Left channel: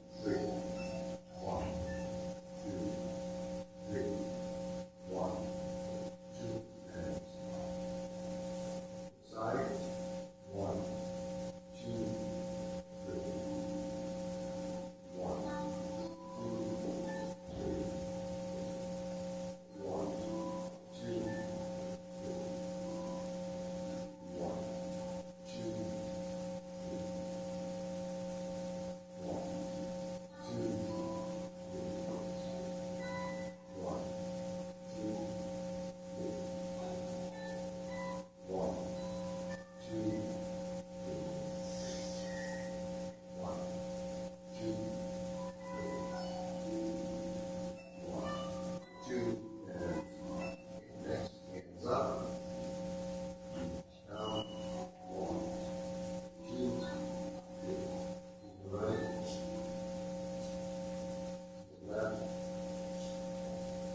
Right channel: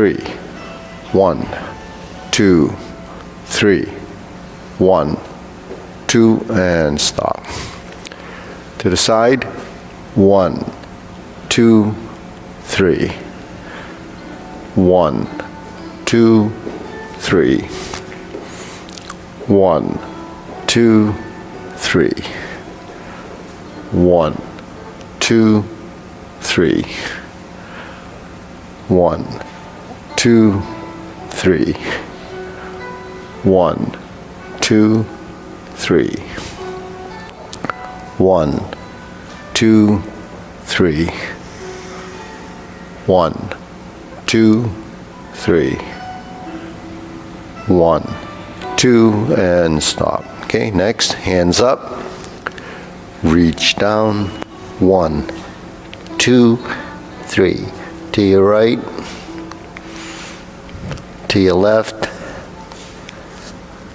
3. 1, 2, 3. 1, 2, and stop. To the side. 1, 2, 3. 1, 2, 3. 1, 2, 3. 1, 2, 3. 1, 2, 3. 1, 2, 3. 1, 2, 3. 1, 2, 3. 1, 2, and stop. Okay, next, hands up. Reach down. 1, 2, 3. To your right. To your left.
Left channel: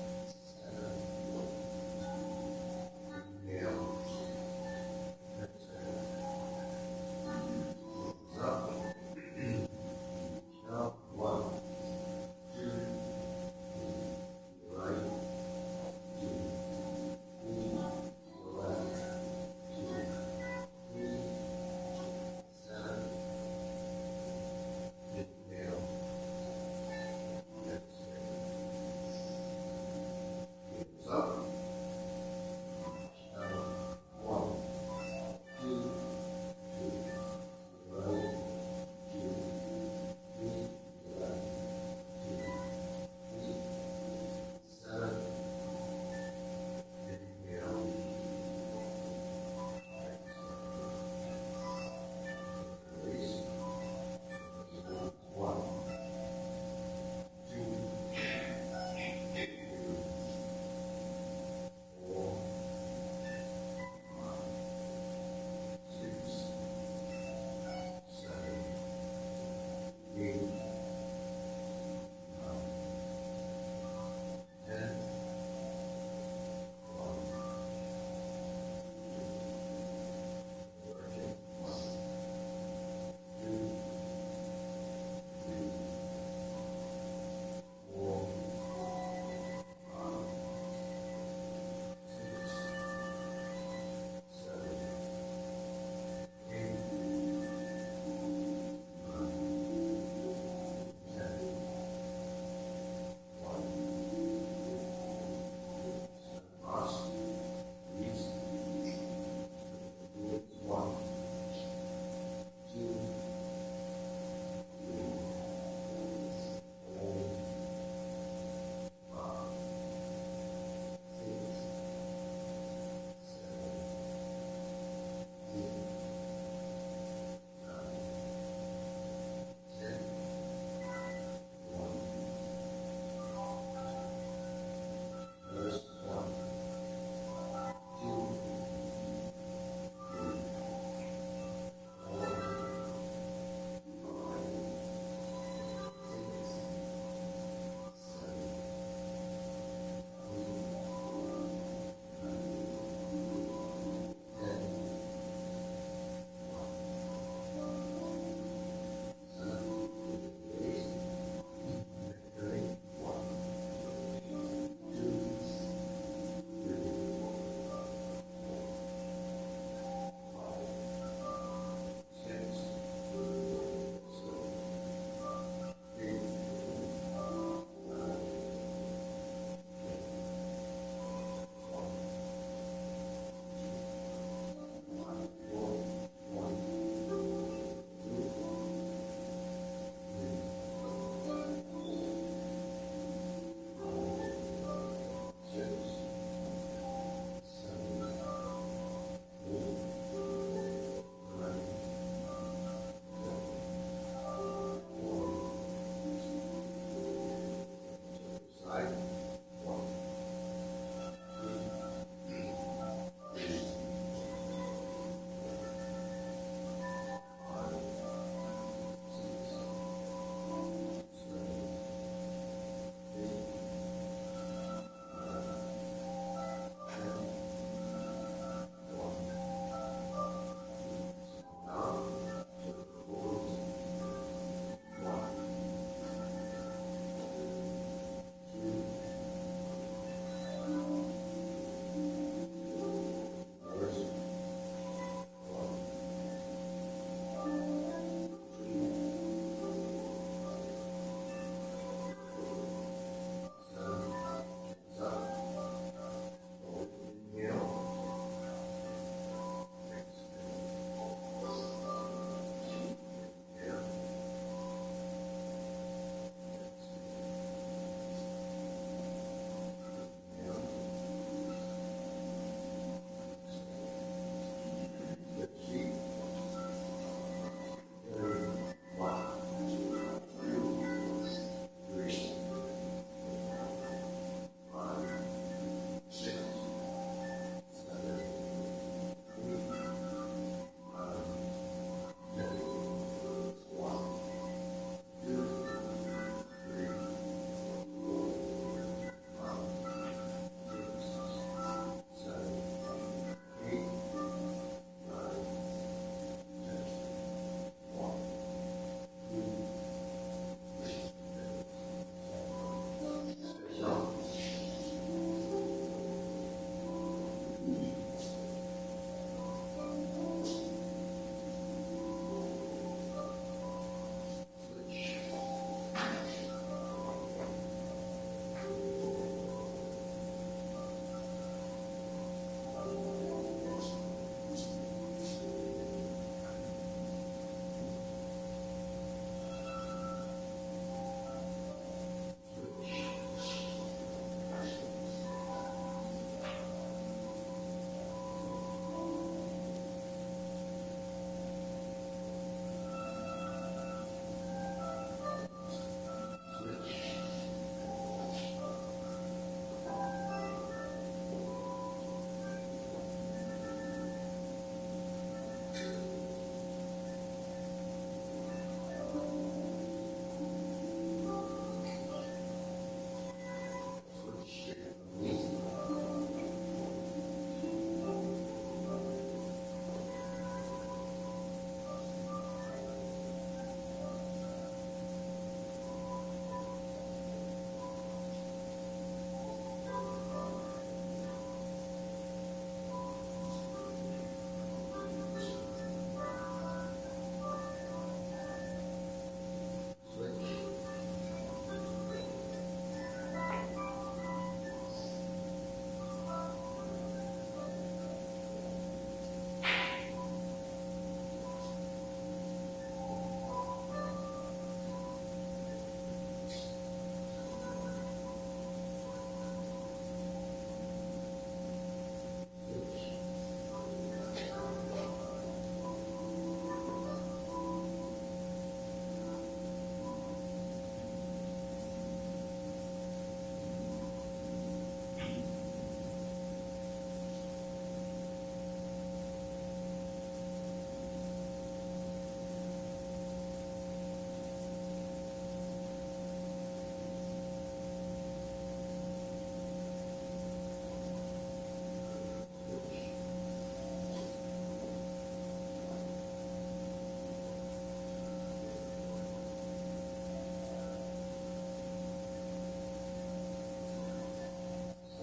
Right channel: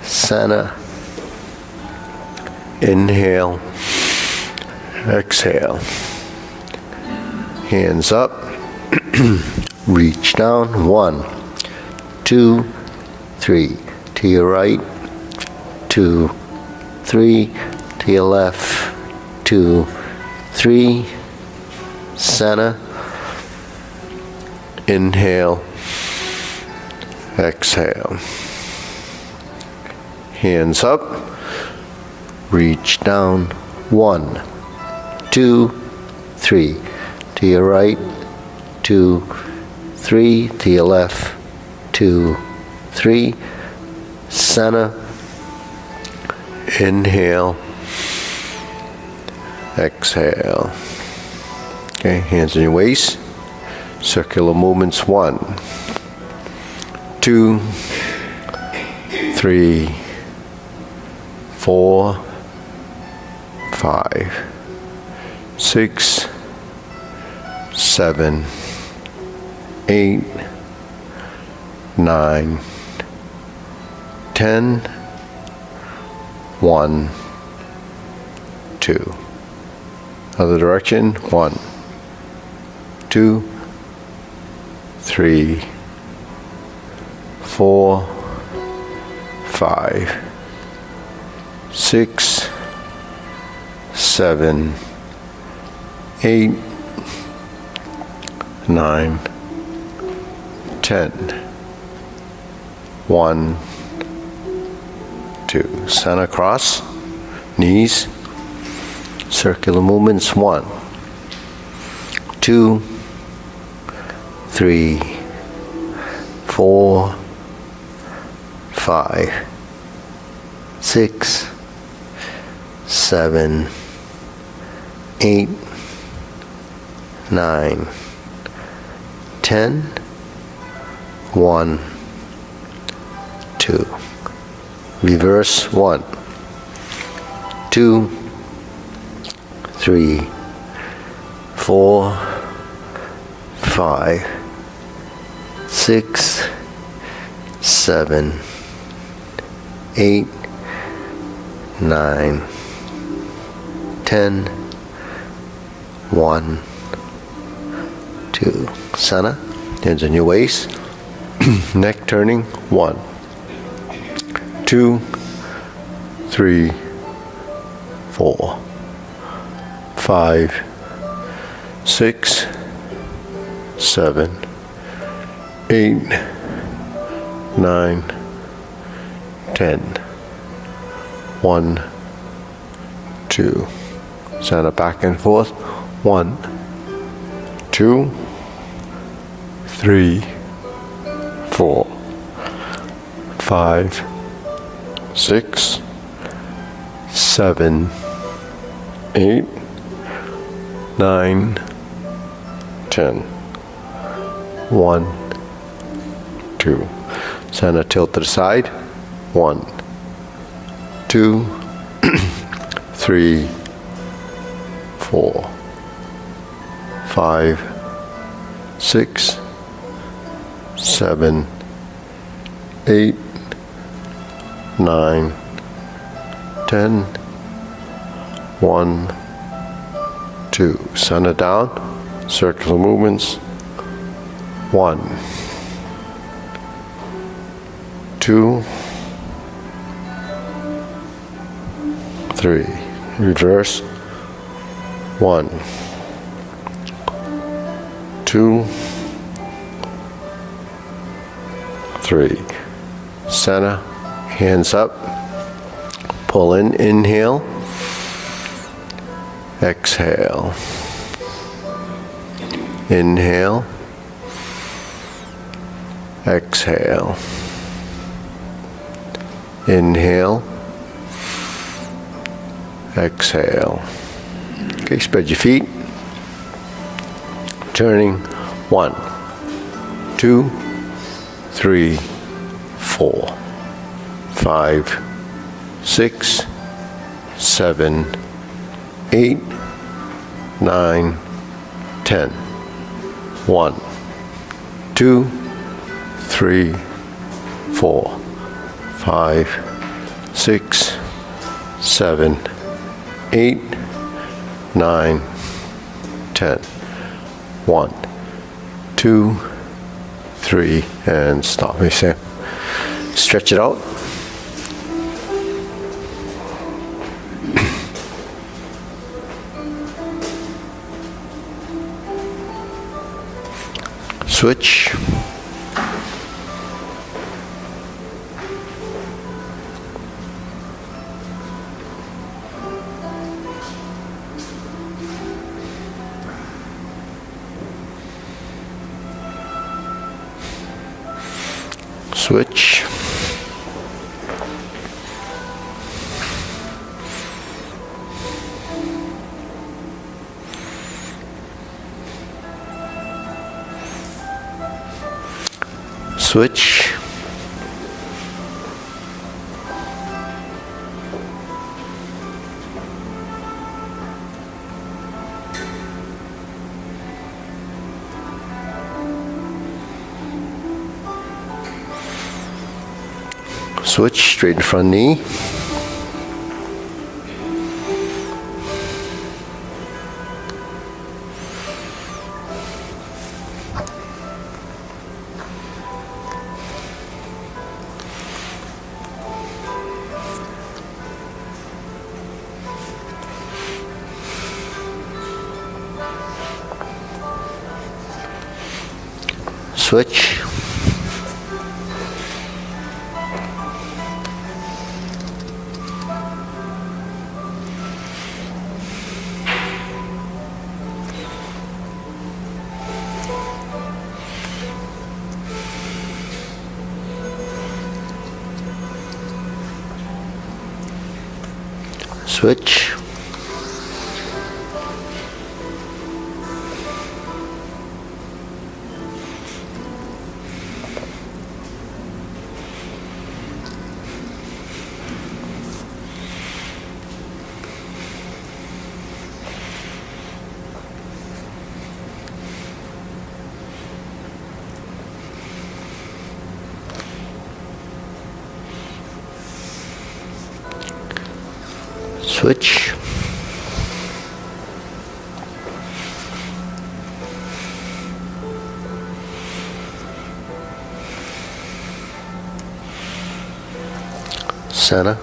Center. Inhale. Exhale. Hands up. Reach down. 1, 2, 3. To your right. 2, 3. To your left. 2, 3. Center. Inhale. Exhale. Hands up. Reach down. 1, 2, 3. To your right. 2, 3. To your left. 2, 3. Center. Inhale. Exhale. Okay, hands on your waist. Circular movements. 1, 2, 3, 4, 5, 6, 7, 8, 9, 10. 1, 2. Other direction. 1, 2, 3, 4, 5, 6, 7, 8, 9, 10. 1, 2. Center cross. Knees. Circular movements. 1, 2, 3, 4, 5, 6, 7, 8, 9, 10. 1, 2. Reverse. 1, 2, 3, 4, 5, 6, 7, 8, 9, 10. 1, 2. Center. Hands on your waist. Neck turning. 1, 2, 3, 4, 5, 6, 7, 8, 9, 10. 1, 2. Center back and forth. 1, 2, 3, 4, 5, 6, 7, 8, 9, 10. 1, 2. Center tilt to the side. 1, 2, 3, 4, 5, 6, 7, 8, 9, 10. 1, 2. Center down. Circular movements. 1, 2, 3. Reverse. 1, 2, 3. Center, hands up. Pull in, inhale. Exhale. Inhale. Exhale. Inhale. Exhale. Okay, spread your feet. Turning. 1, 2, 3, 4, 5, 6, 7, 8, 9, 10. 1, 2, 3, 4, 5, 6, 7, 8, 9, 10. 1, 2, 3, and stop. Stretch it out. Switch. Switch. Switch. Switch, straighten front knee. Switch. Switch. Switch. Center.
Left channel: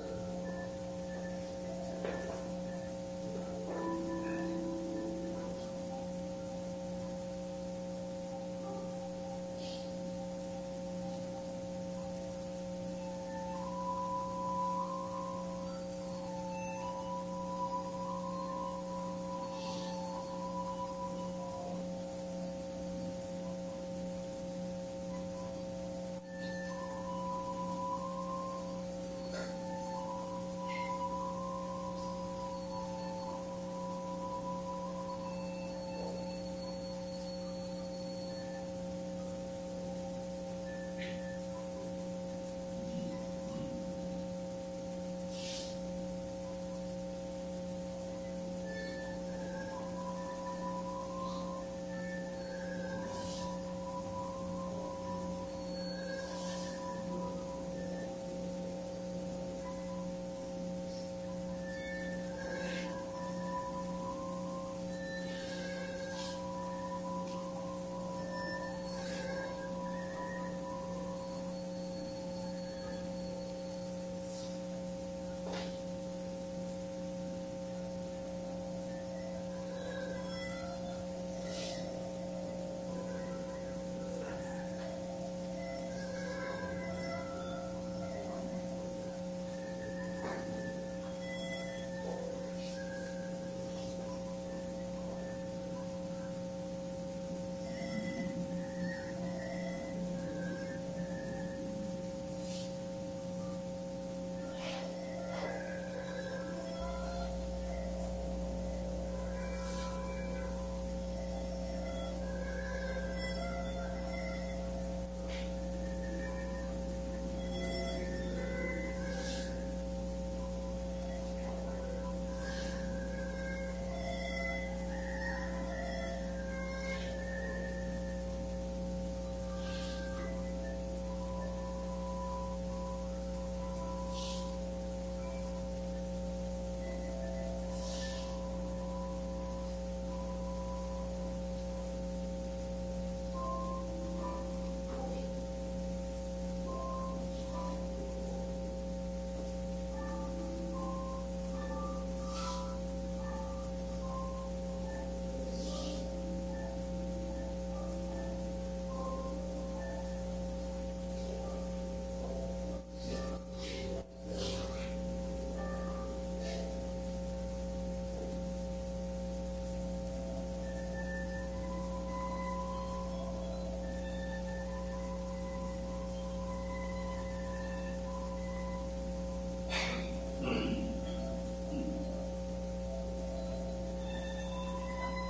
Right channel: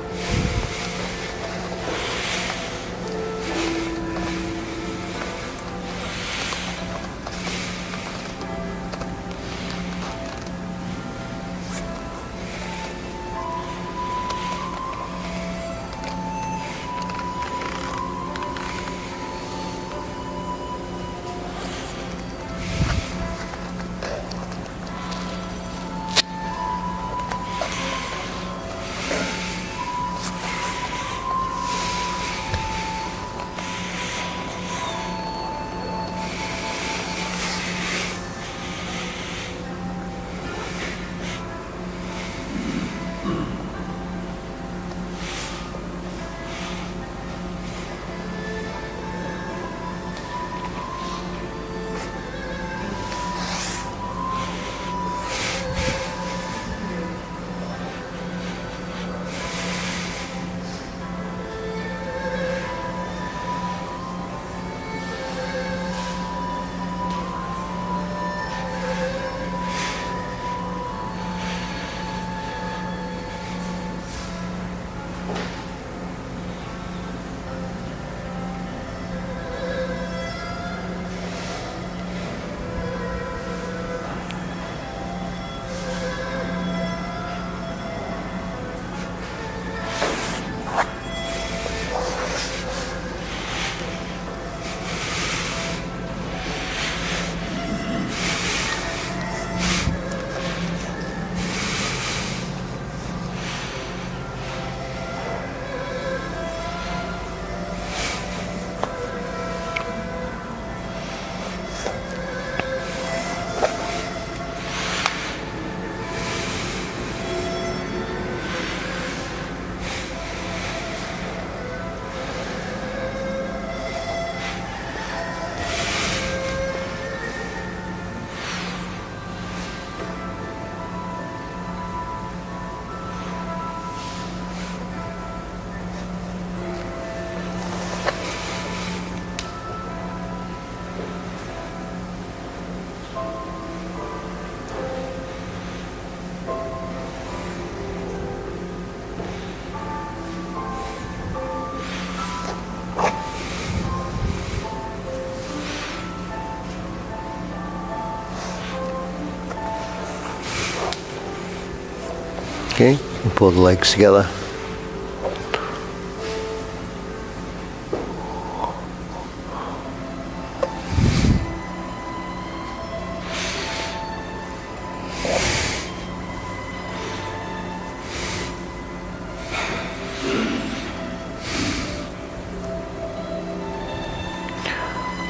Okay, pull the legs together.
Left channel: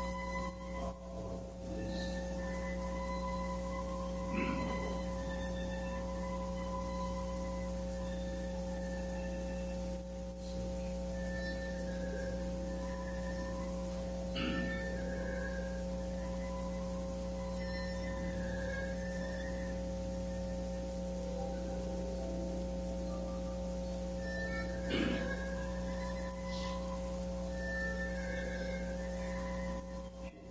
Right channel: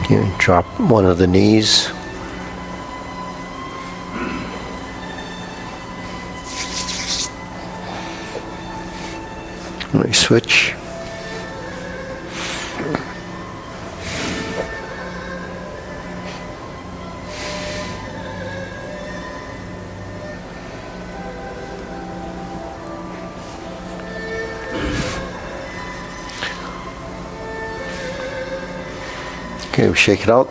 Okay, drop one of the knees. Let me switch. Okay, we shake it out.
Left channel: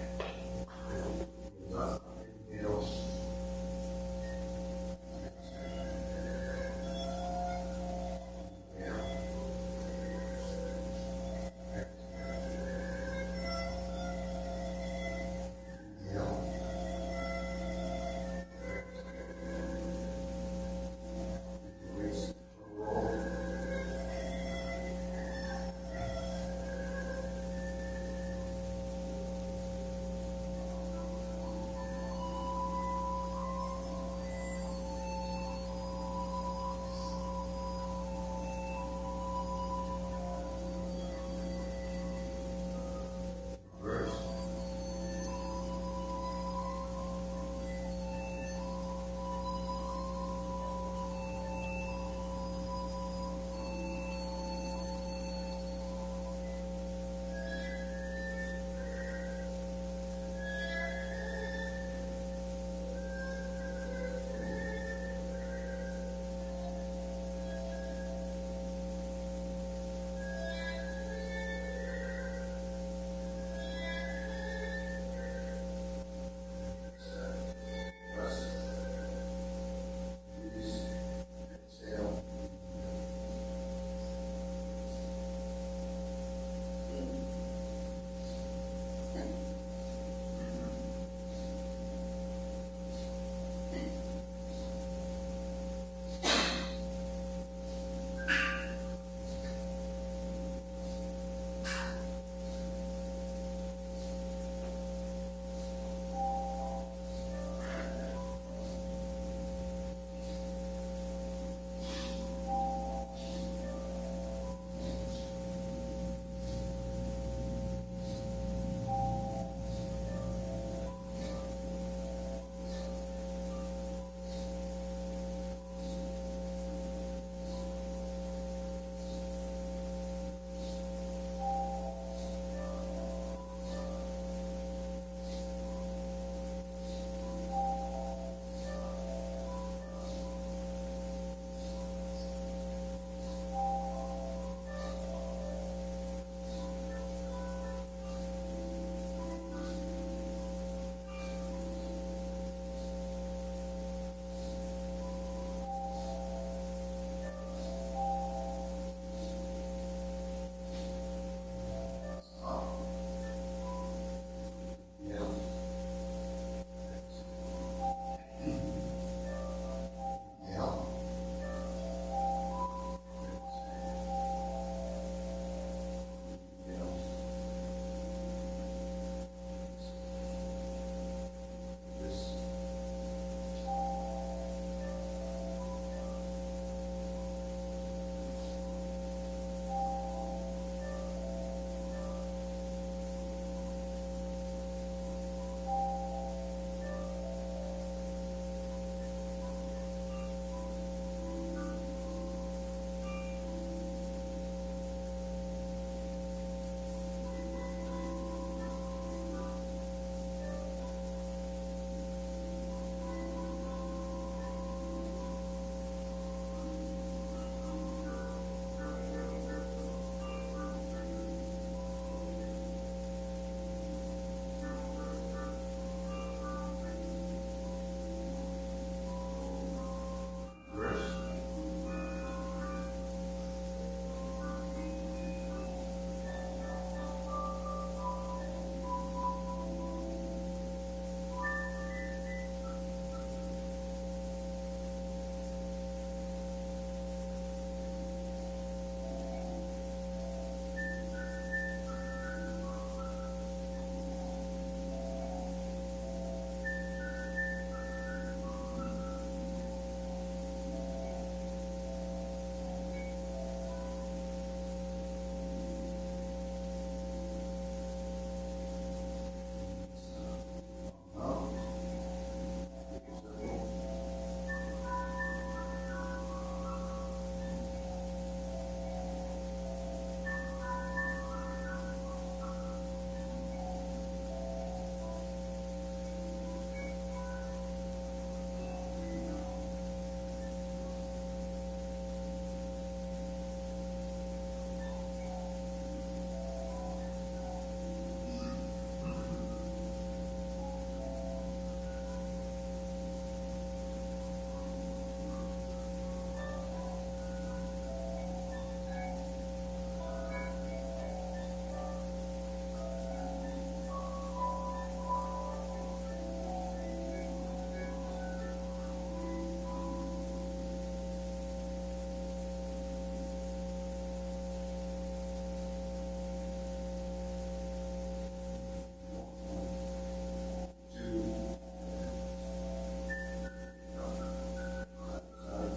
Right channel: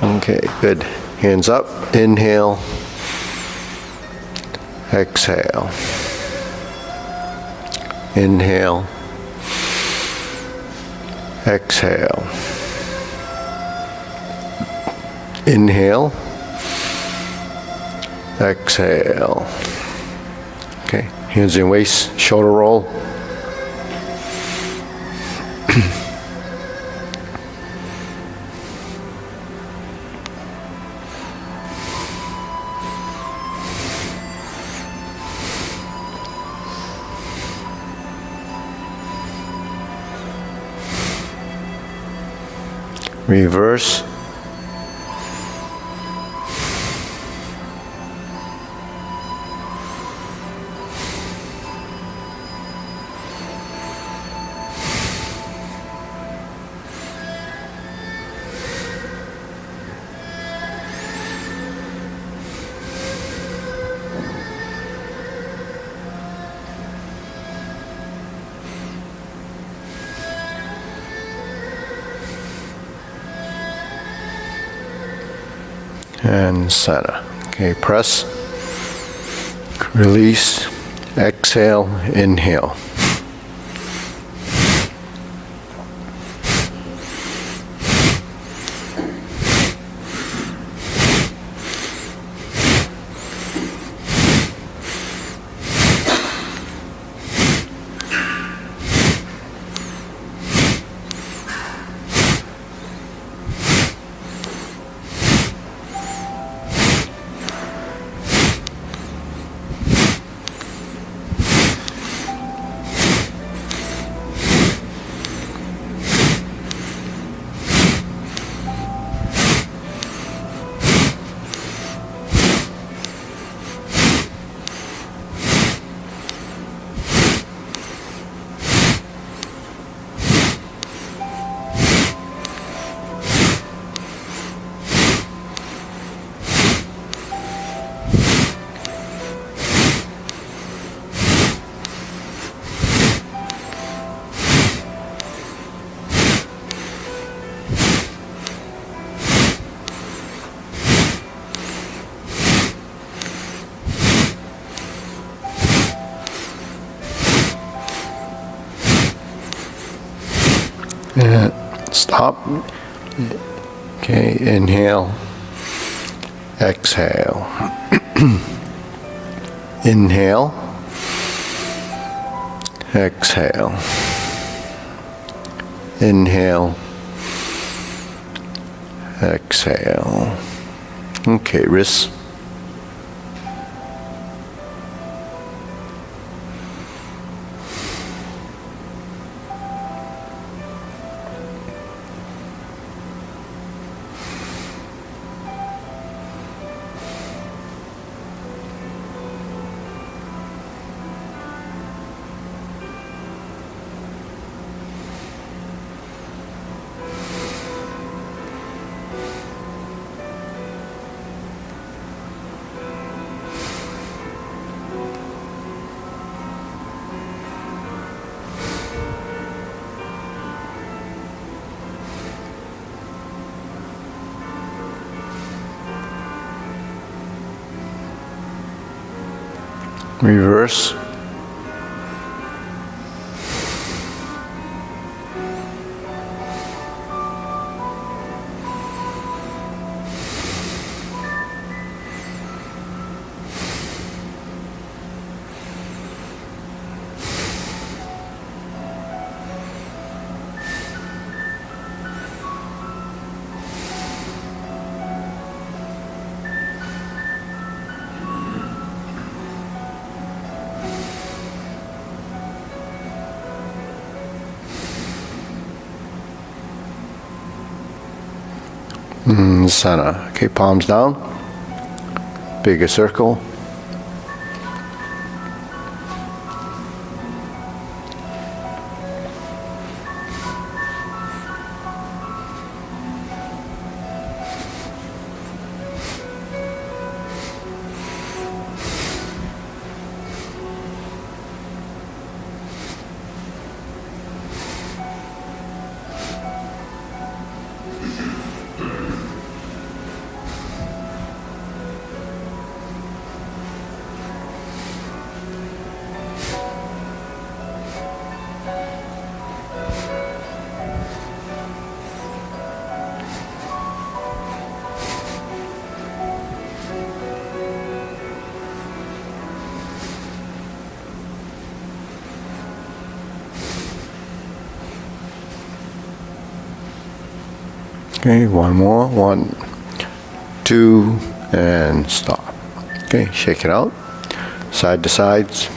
Okay, good. Hands up. Inhale. Exhale. Inhale. Exhale. Inhale. Exhale. Okay, hands in waist, shoulder roll. Reverse. And center. Okay, press, release, exhale, inhale. And stop. Okay, inhale, exhale. Inhale, exhale. Inhale, exhale. Okay, wrists. Reverse. Center. Okay, palms down. Bigger circle. Okay, one more. 1, 2, and stop. Okay, shake it out. Side to sides.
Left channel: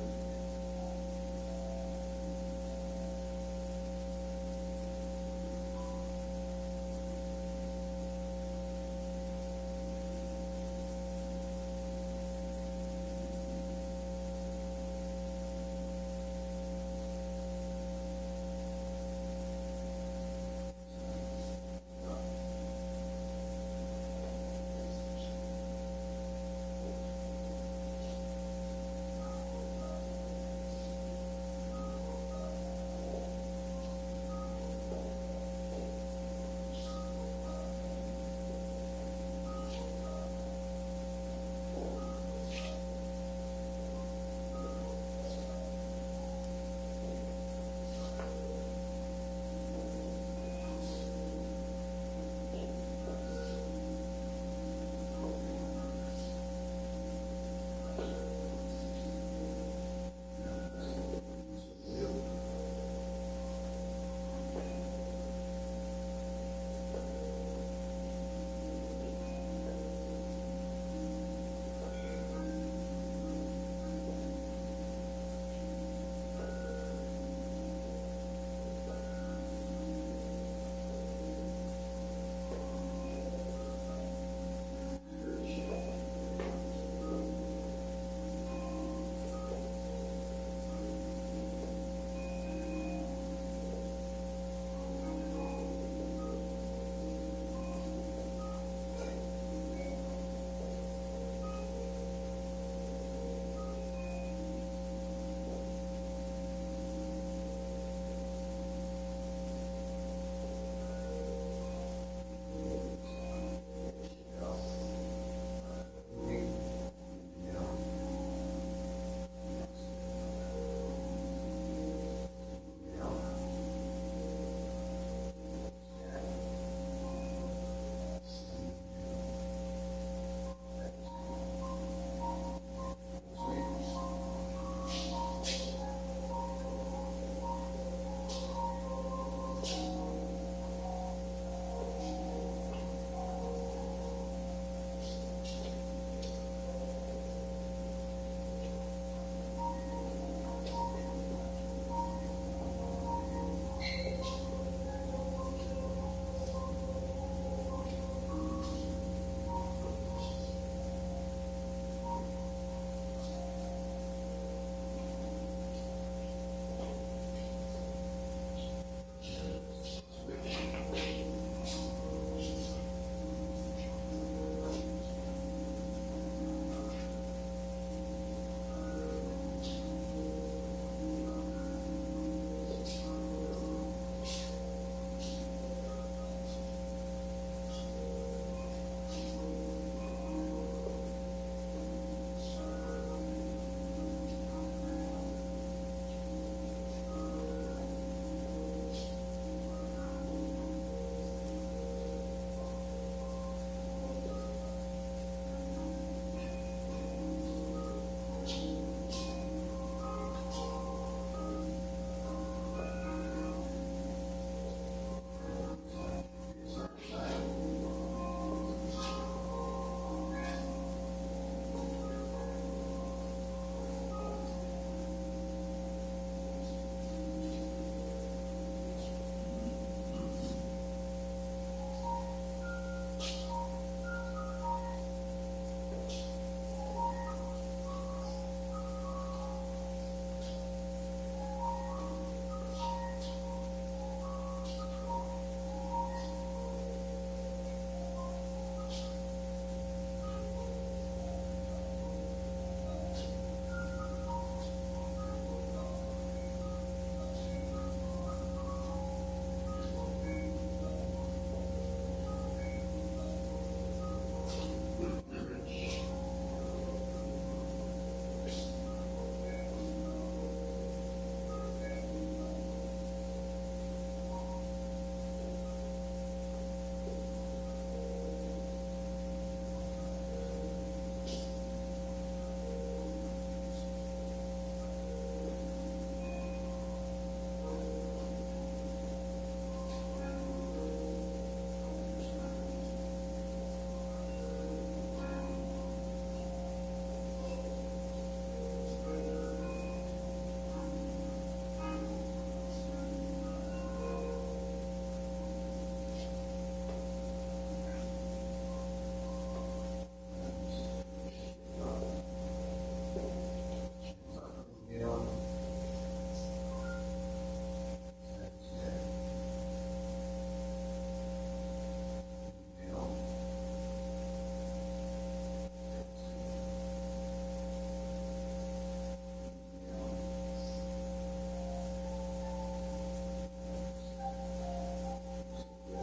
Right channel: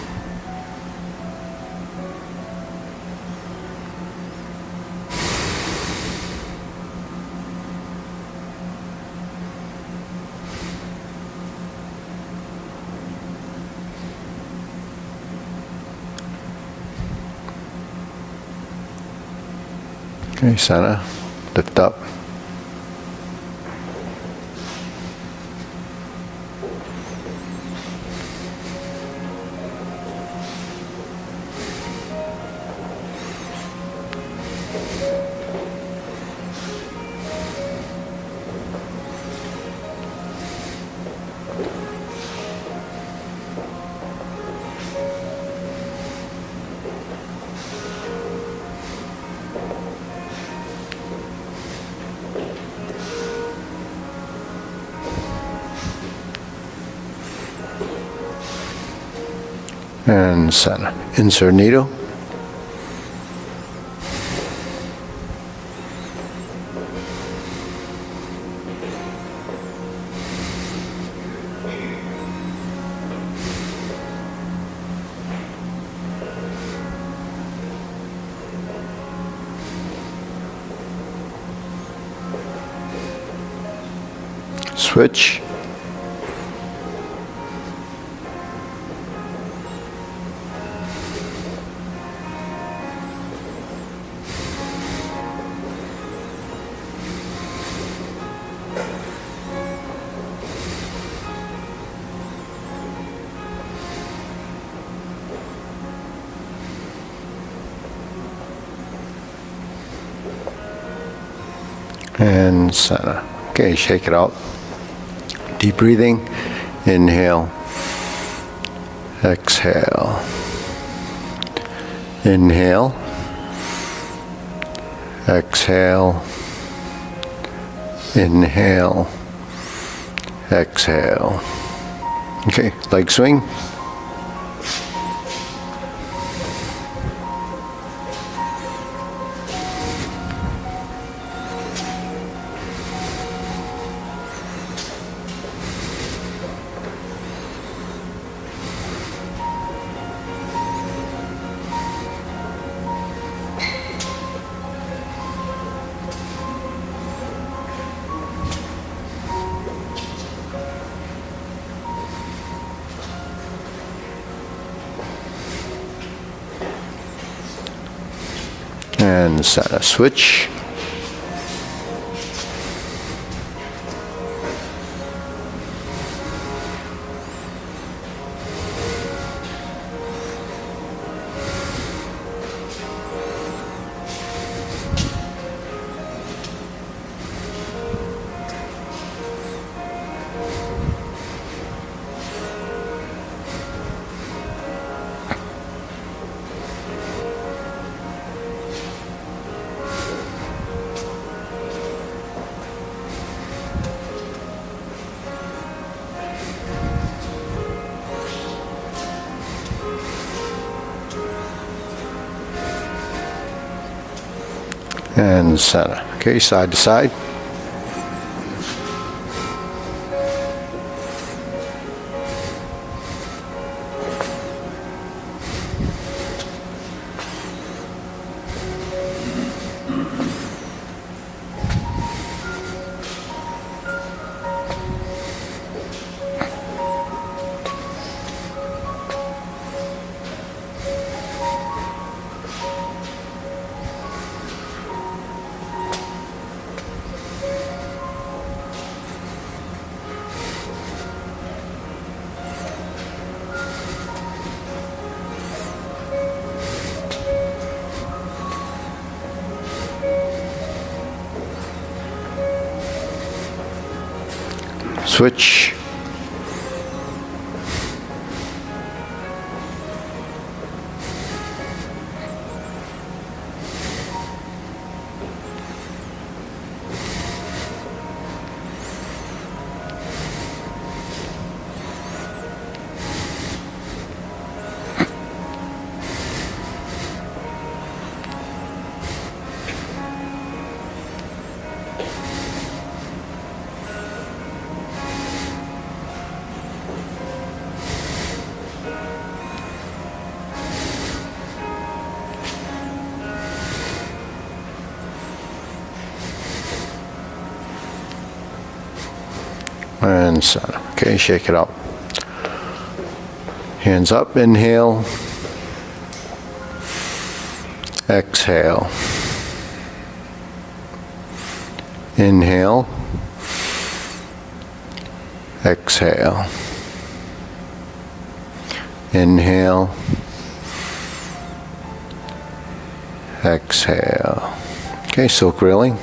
Okay, center. Lift up. And center. Insert needle. Switch. And center. Okay, shake it out. Deep breathing. Inhale. Exhale. Inhale. Exhale. Inhale. Exhale. Okay, leg swing. And center. Switch. And center. Okay, side to side. Switch. And center. Okay, shake it out. Hands up, inhale. Exhale. Inhale. Exhale. Inhale. Exhale. Okay, silk reeling.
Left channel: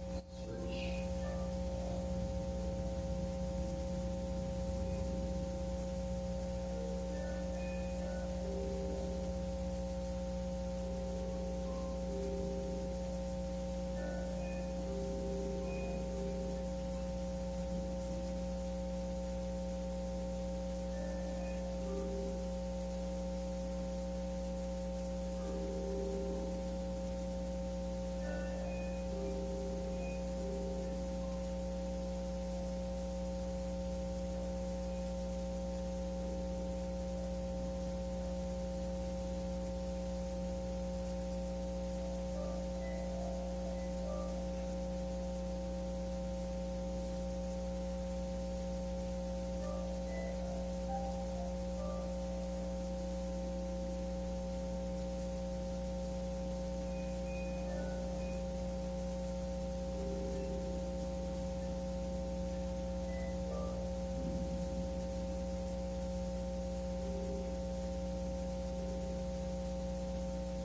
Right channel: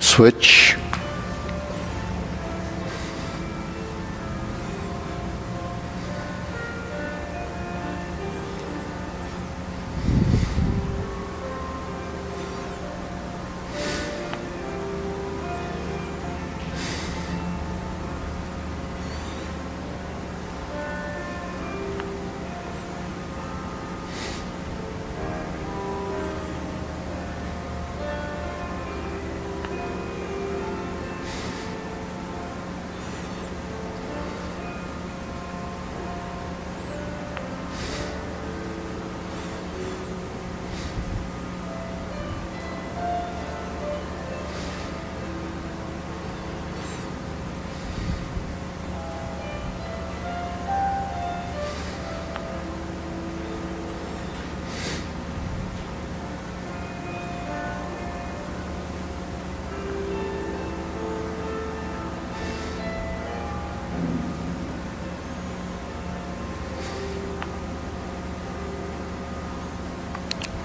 Switch.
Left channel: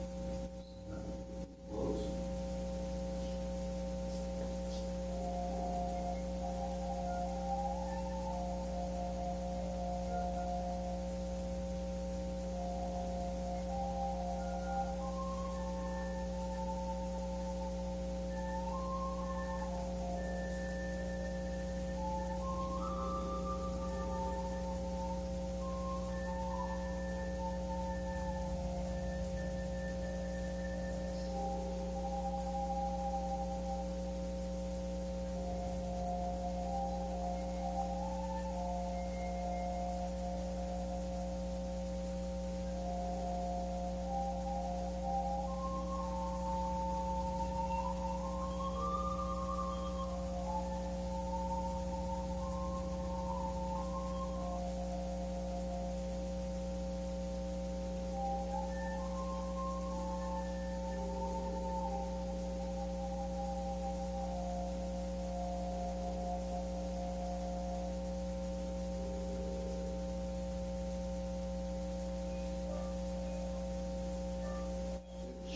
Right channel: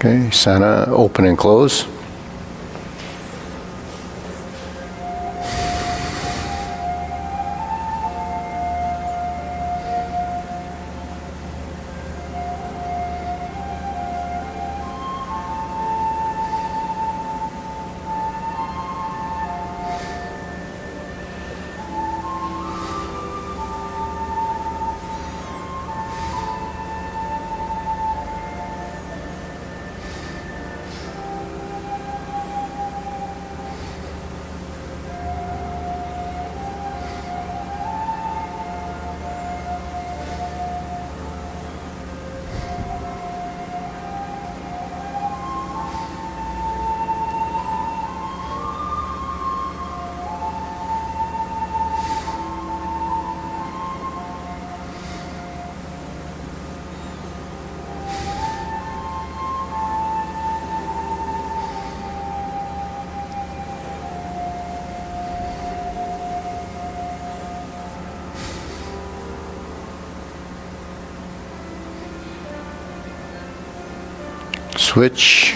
Okay, center, open and close. Switch.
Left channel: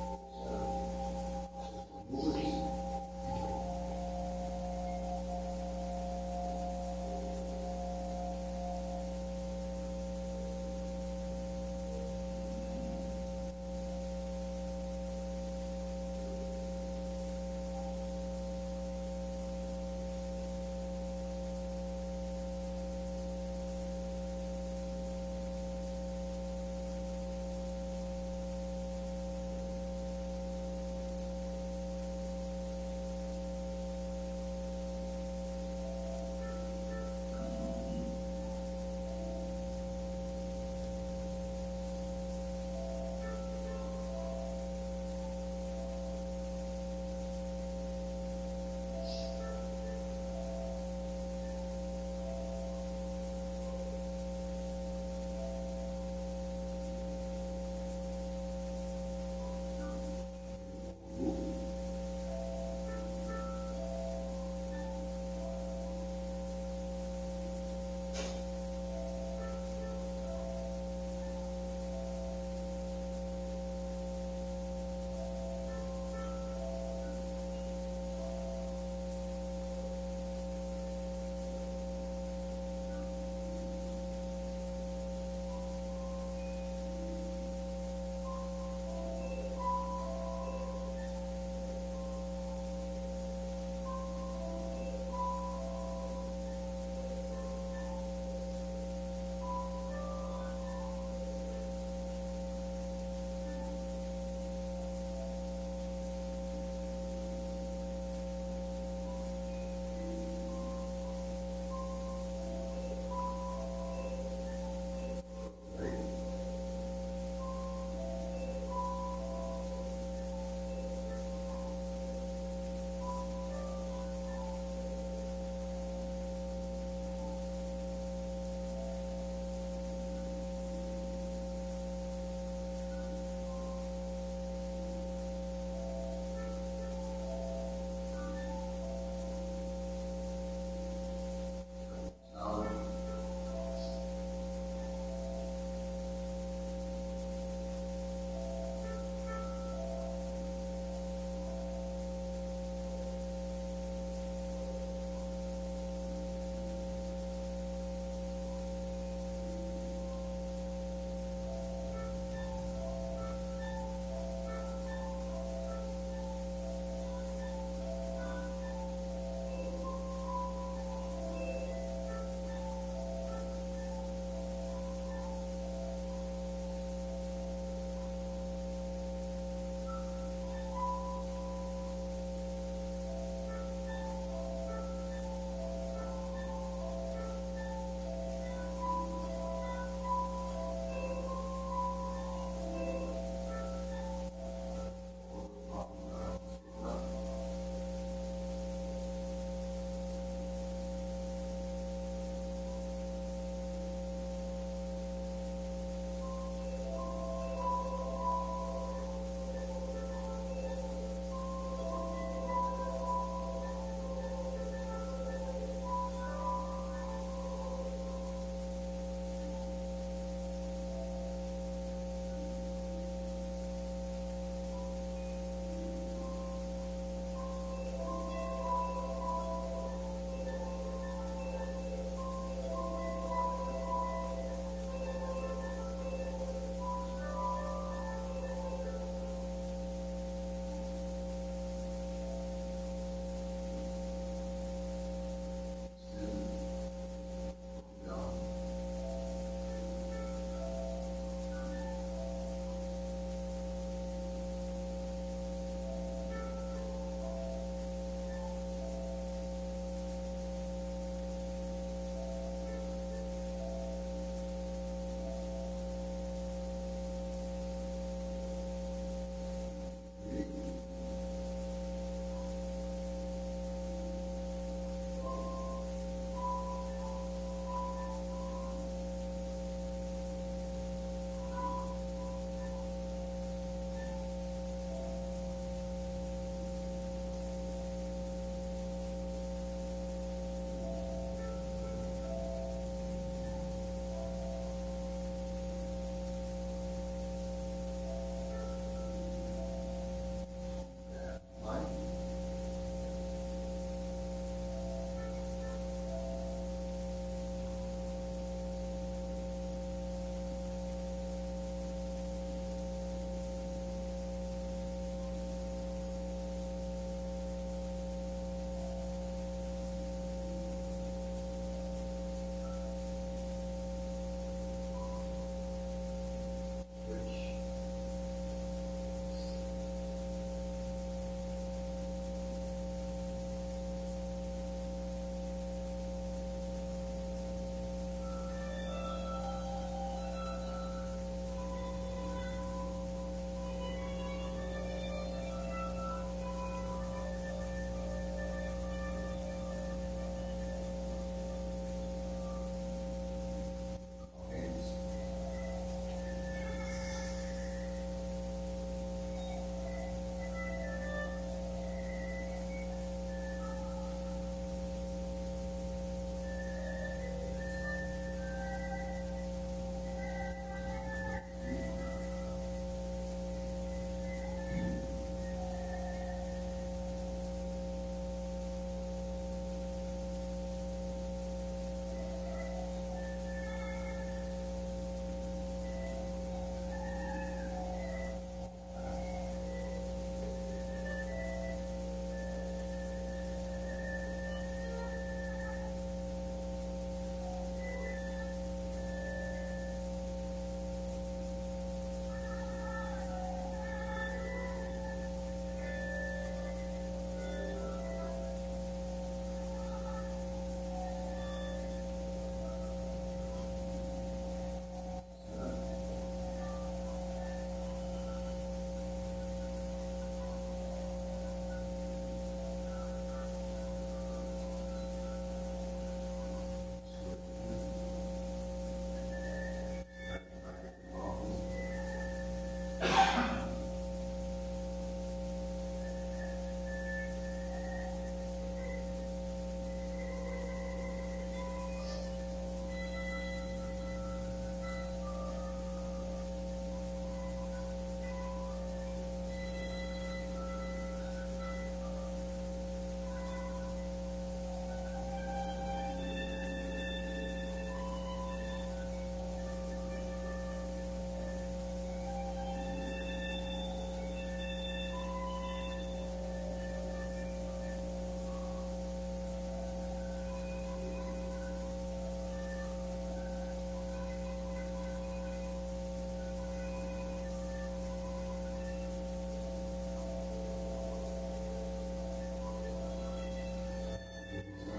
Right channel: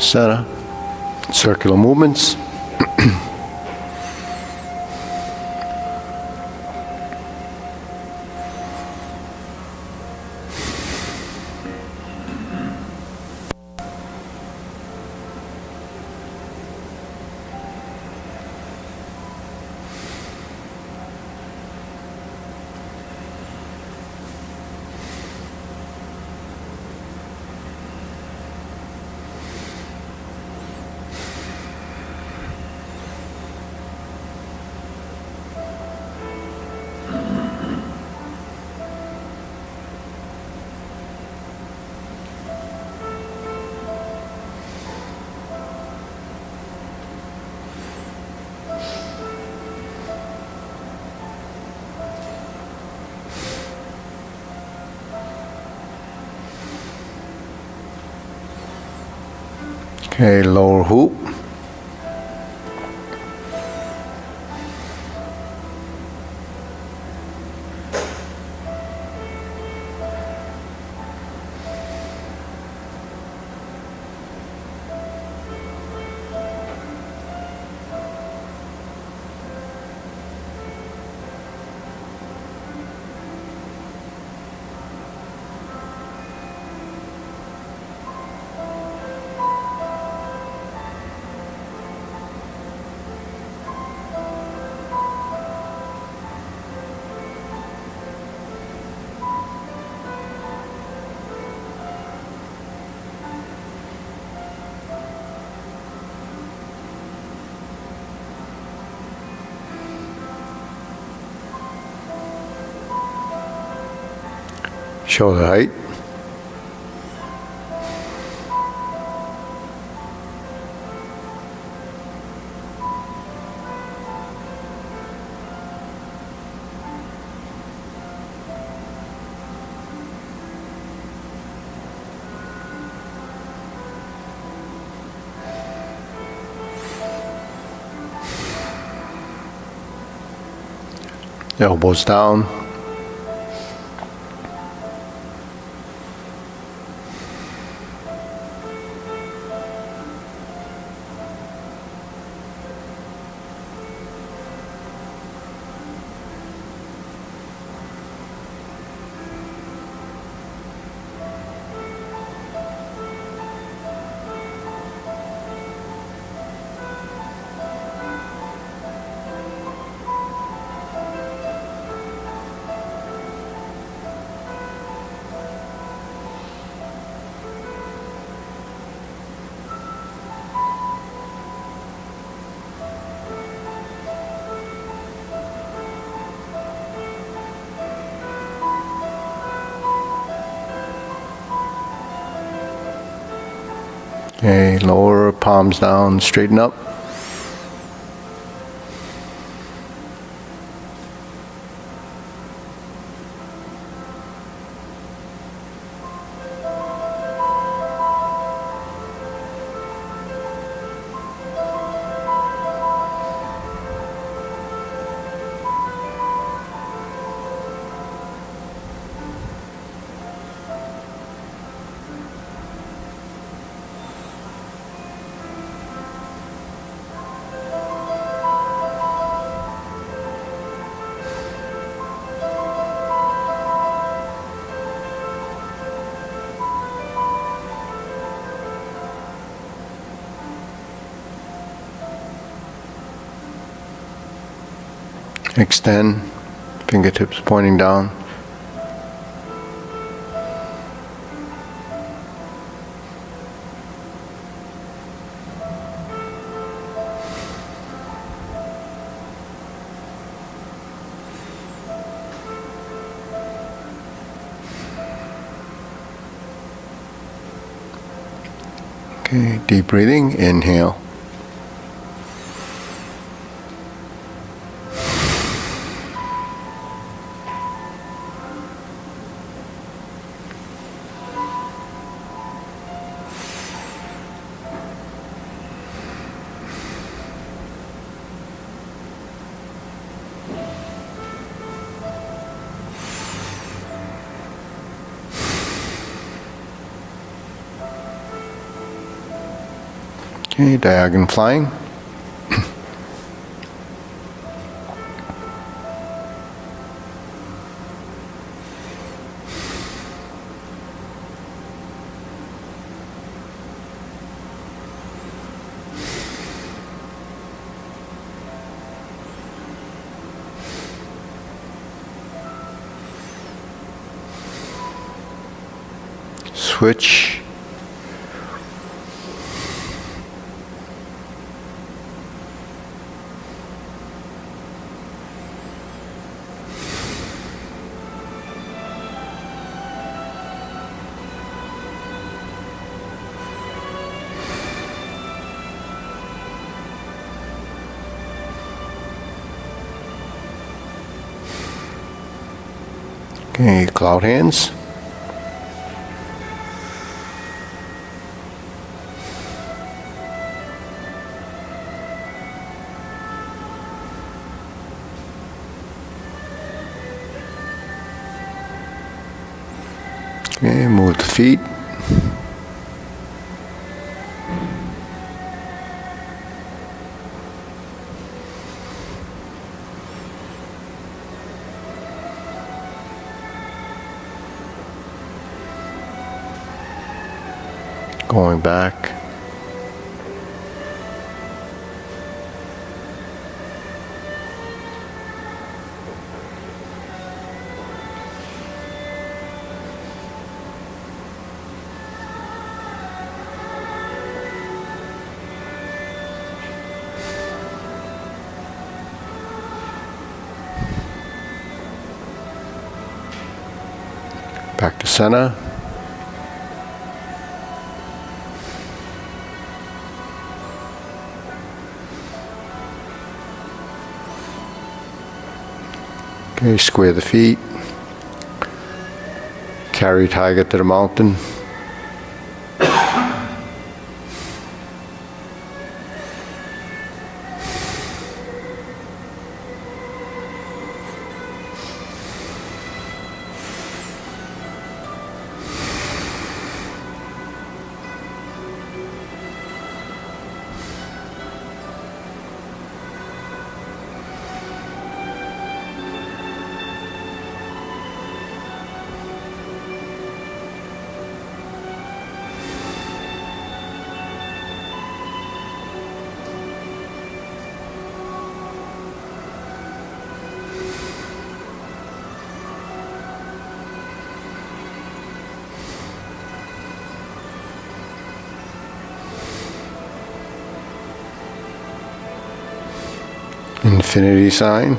Center. Circular movements. Okay, lower hoop. Shoulder height. Elbows down. Okay, lower palms down, straighten up. Extend, Fingertips pointing down. Okay, deep breathing, inhale. Okay, diagonal flying. Switch. Okay, cloud hands. Okay, move the feet. Going back. Back to center. Okay, square the feet. Carry tiger to the mountain. Infinity sign.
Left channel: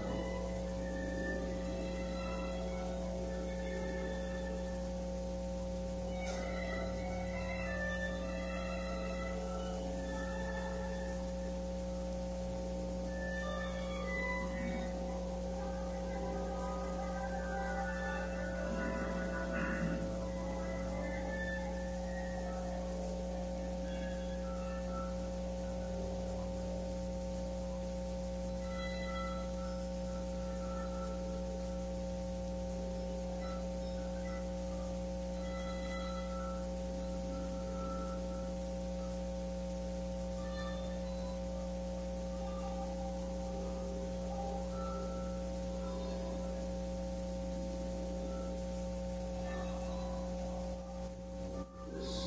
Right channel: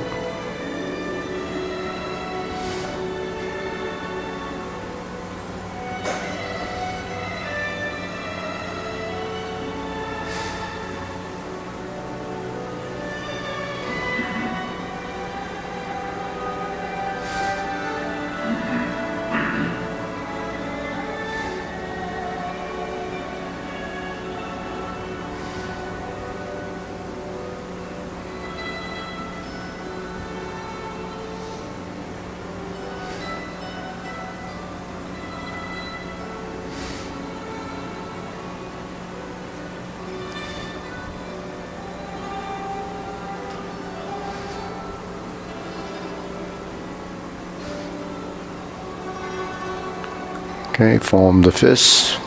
Okay, form the fists.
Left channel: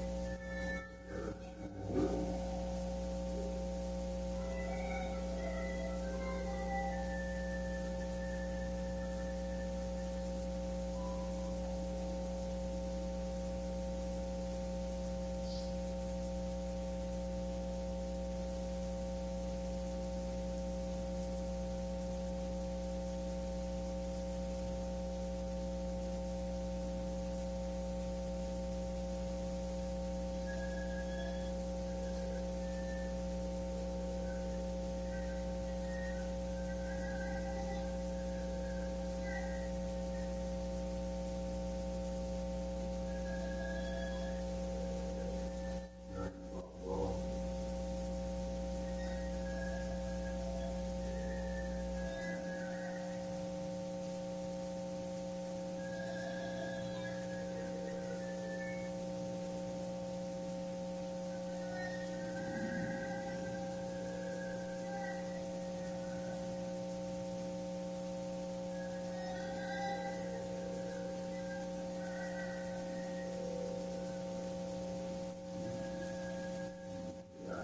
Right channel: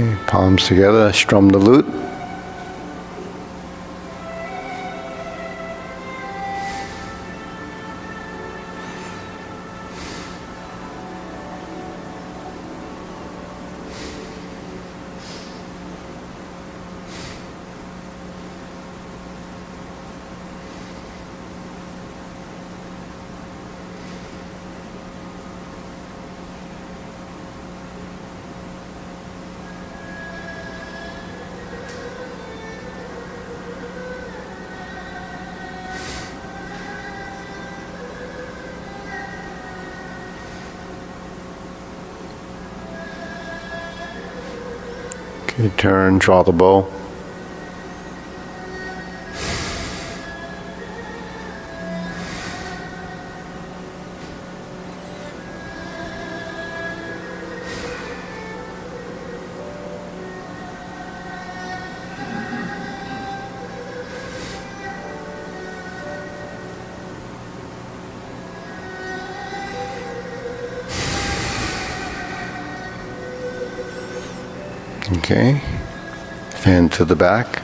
Okay, palms together, strum the lute. Okay, turn, draw the bow. Okay, fan to the back.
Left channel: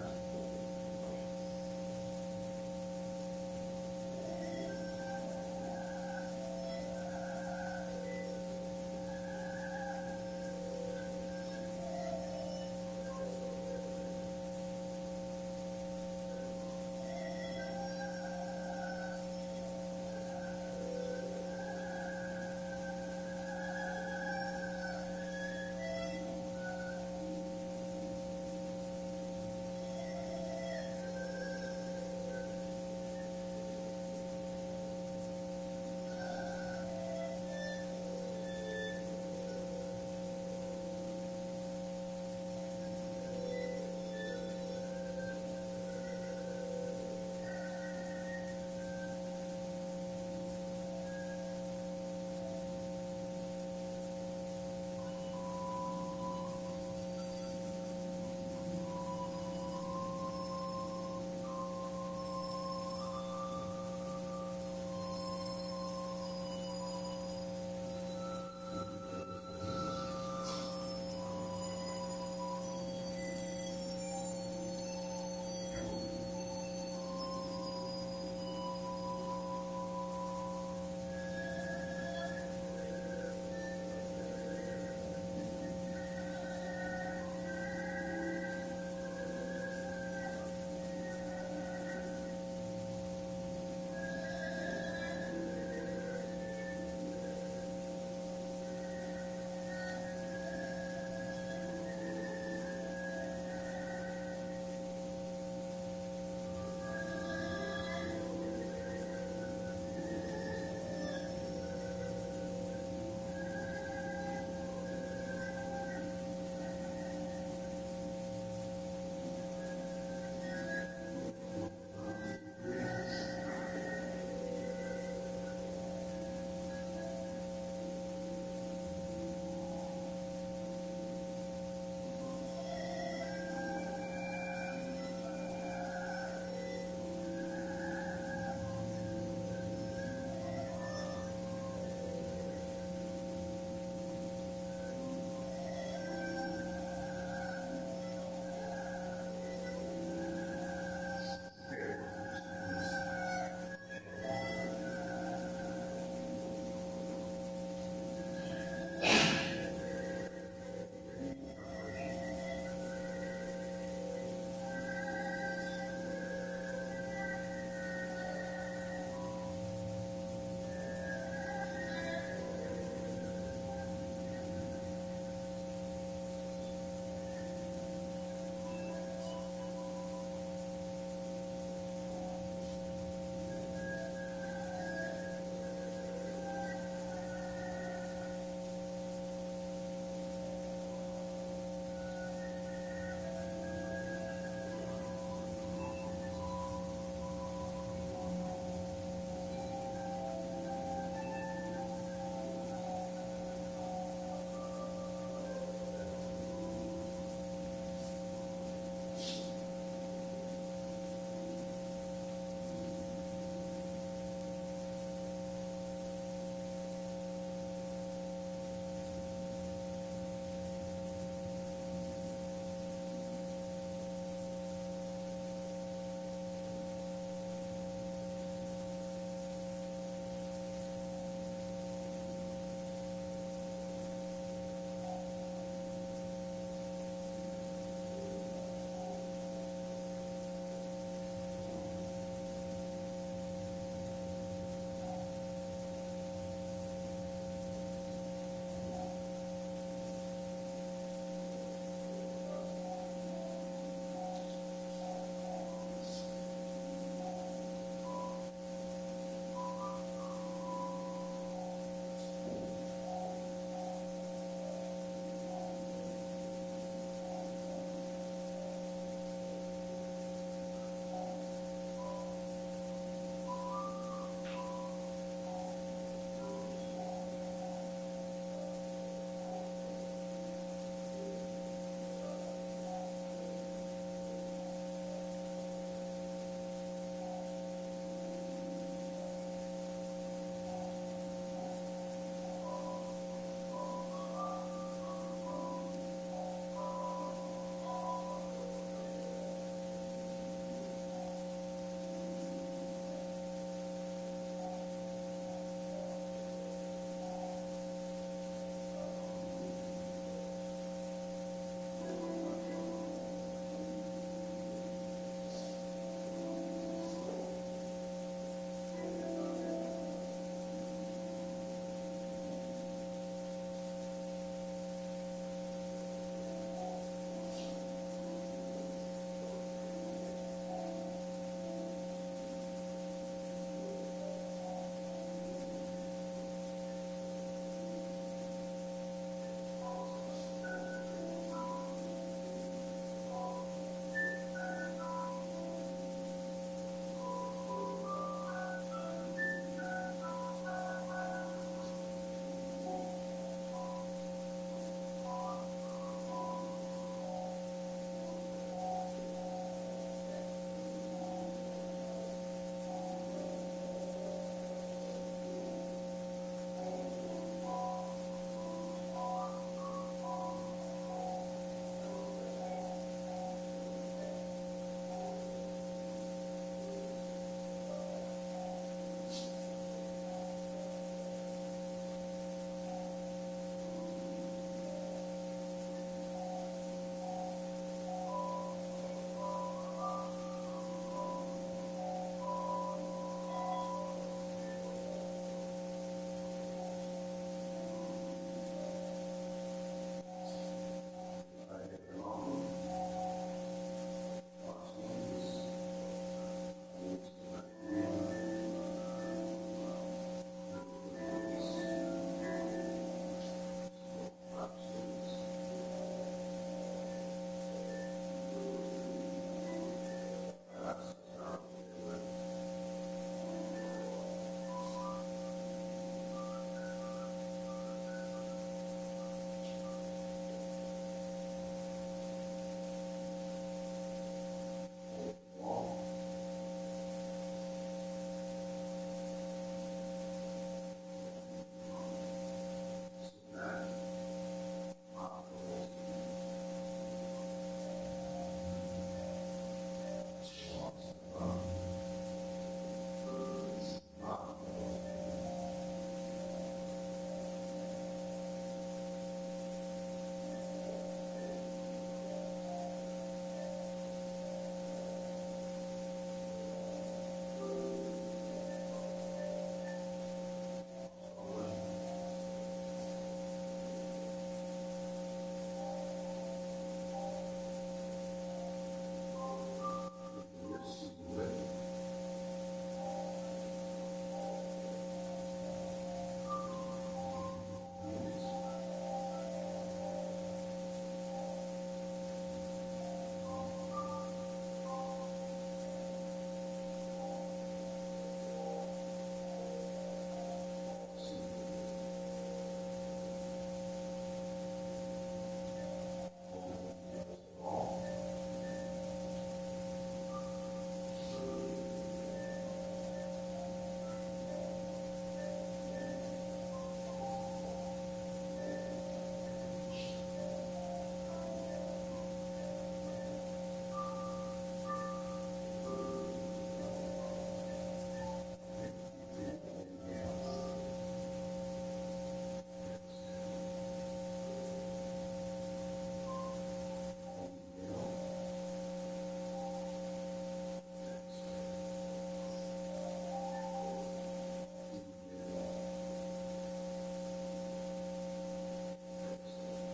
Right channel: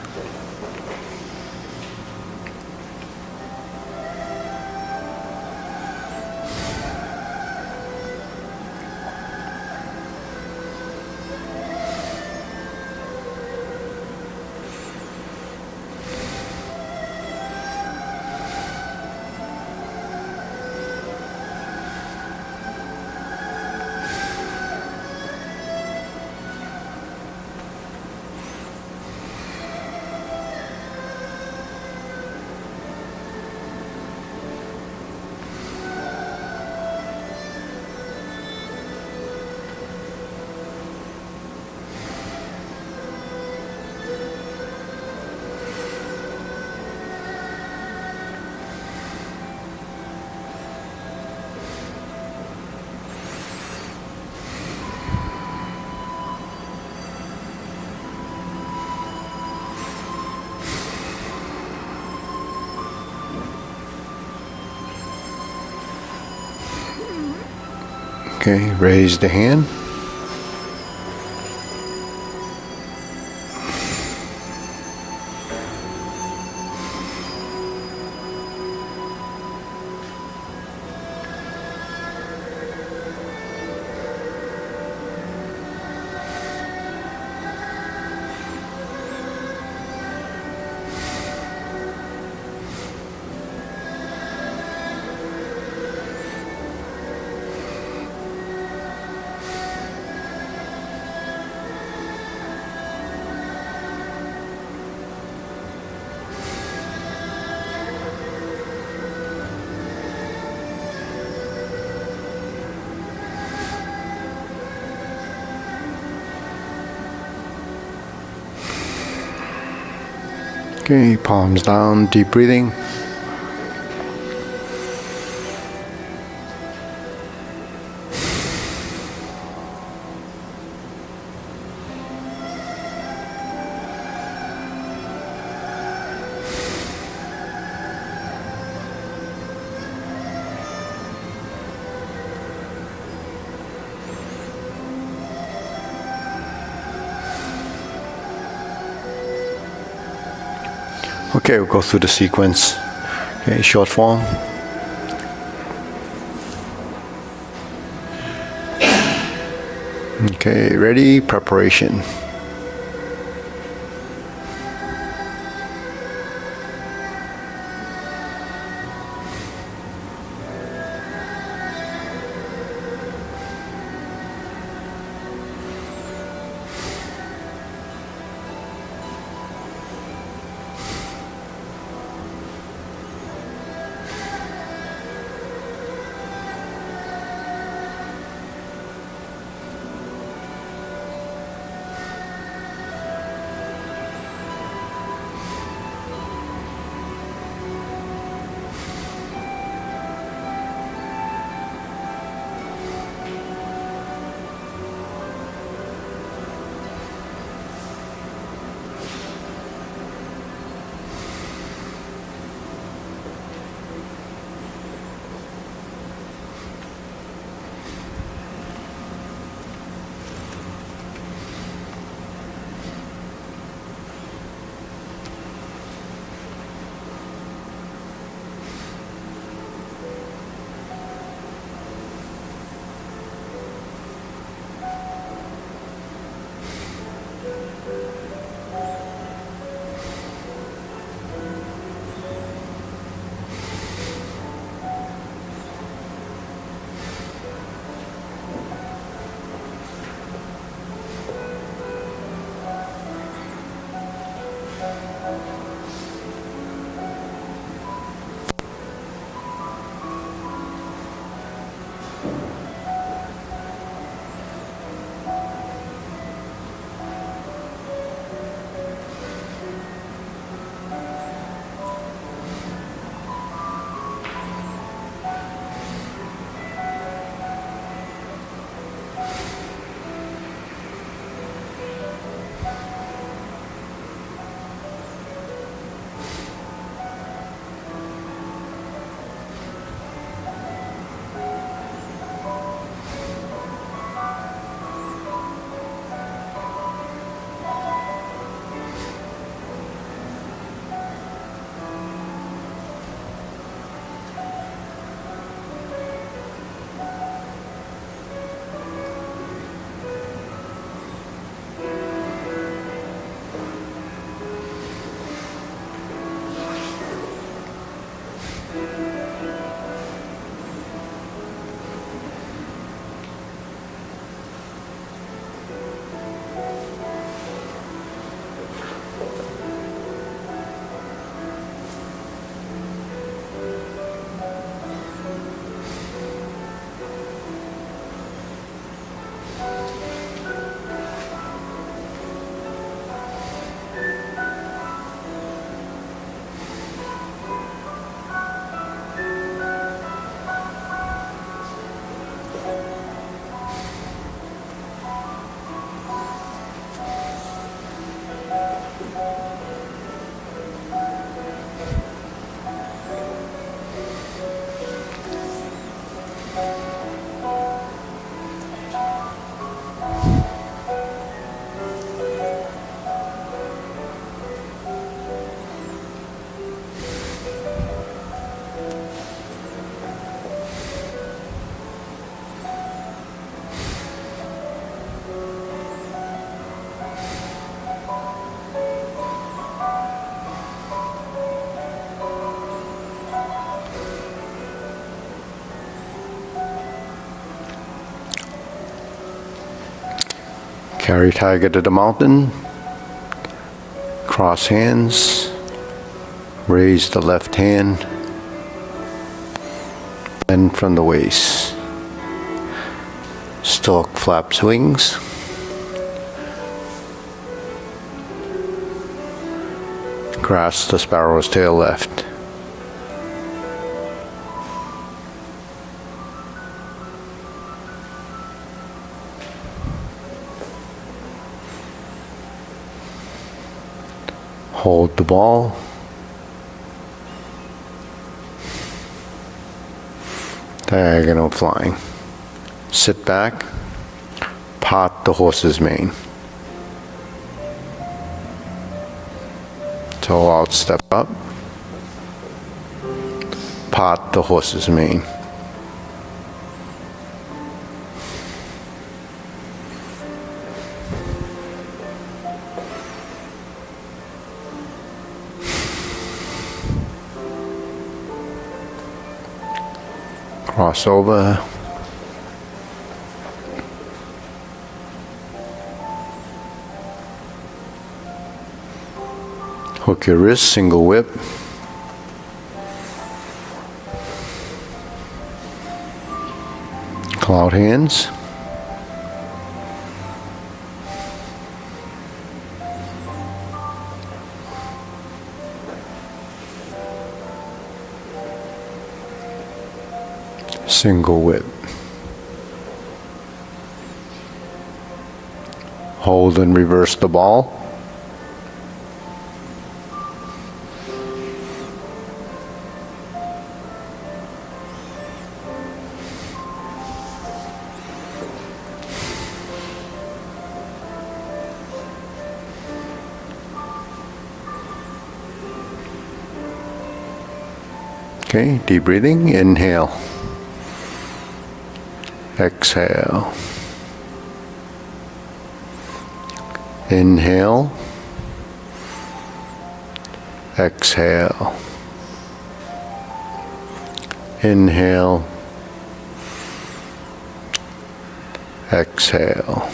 Okay, raise the hand. Okay, palms down, deep breathing. Okay, we'll go through the sequence. Okay, short form. Okay, ready, preparation. Carry tiger to the mountain. Cross hands. Raise the left hand. Bend from the waist. Stork flaps wings. Grasp the sparrow's tail left. Hold the ball. Diagonal flying. Sit back. Part the horse's mane. Toe out, step up. Part the horse's mane. Cross over. Hook your wrist, single whip. Cloud hands. Single whip. Hold and reverse the ball. Okay, deep breathing. Inhale. Exhale. Inhale. Exhale. Inhale. Exhale.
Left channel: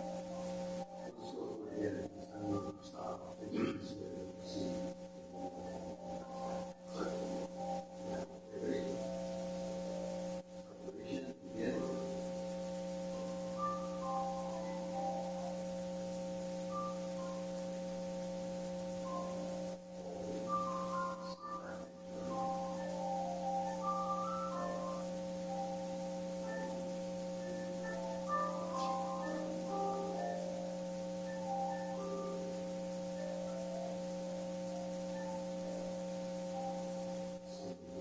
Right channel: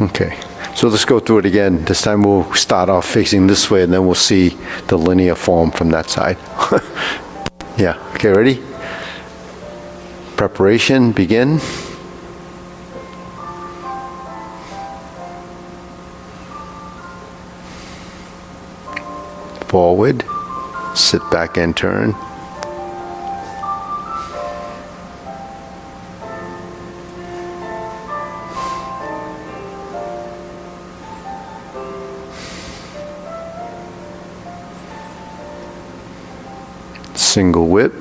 Okay, so let's go through it again. This time we'll start off facing this way and then we'll see the linear form from that side. Yeah, okay, ready? Preparation, begin. Forward, sit back and turn. Single whip.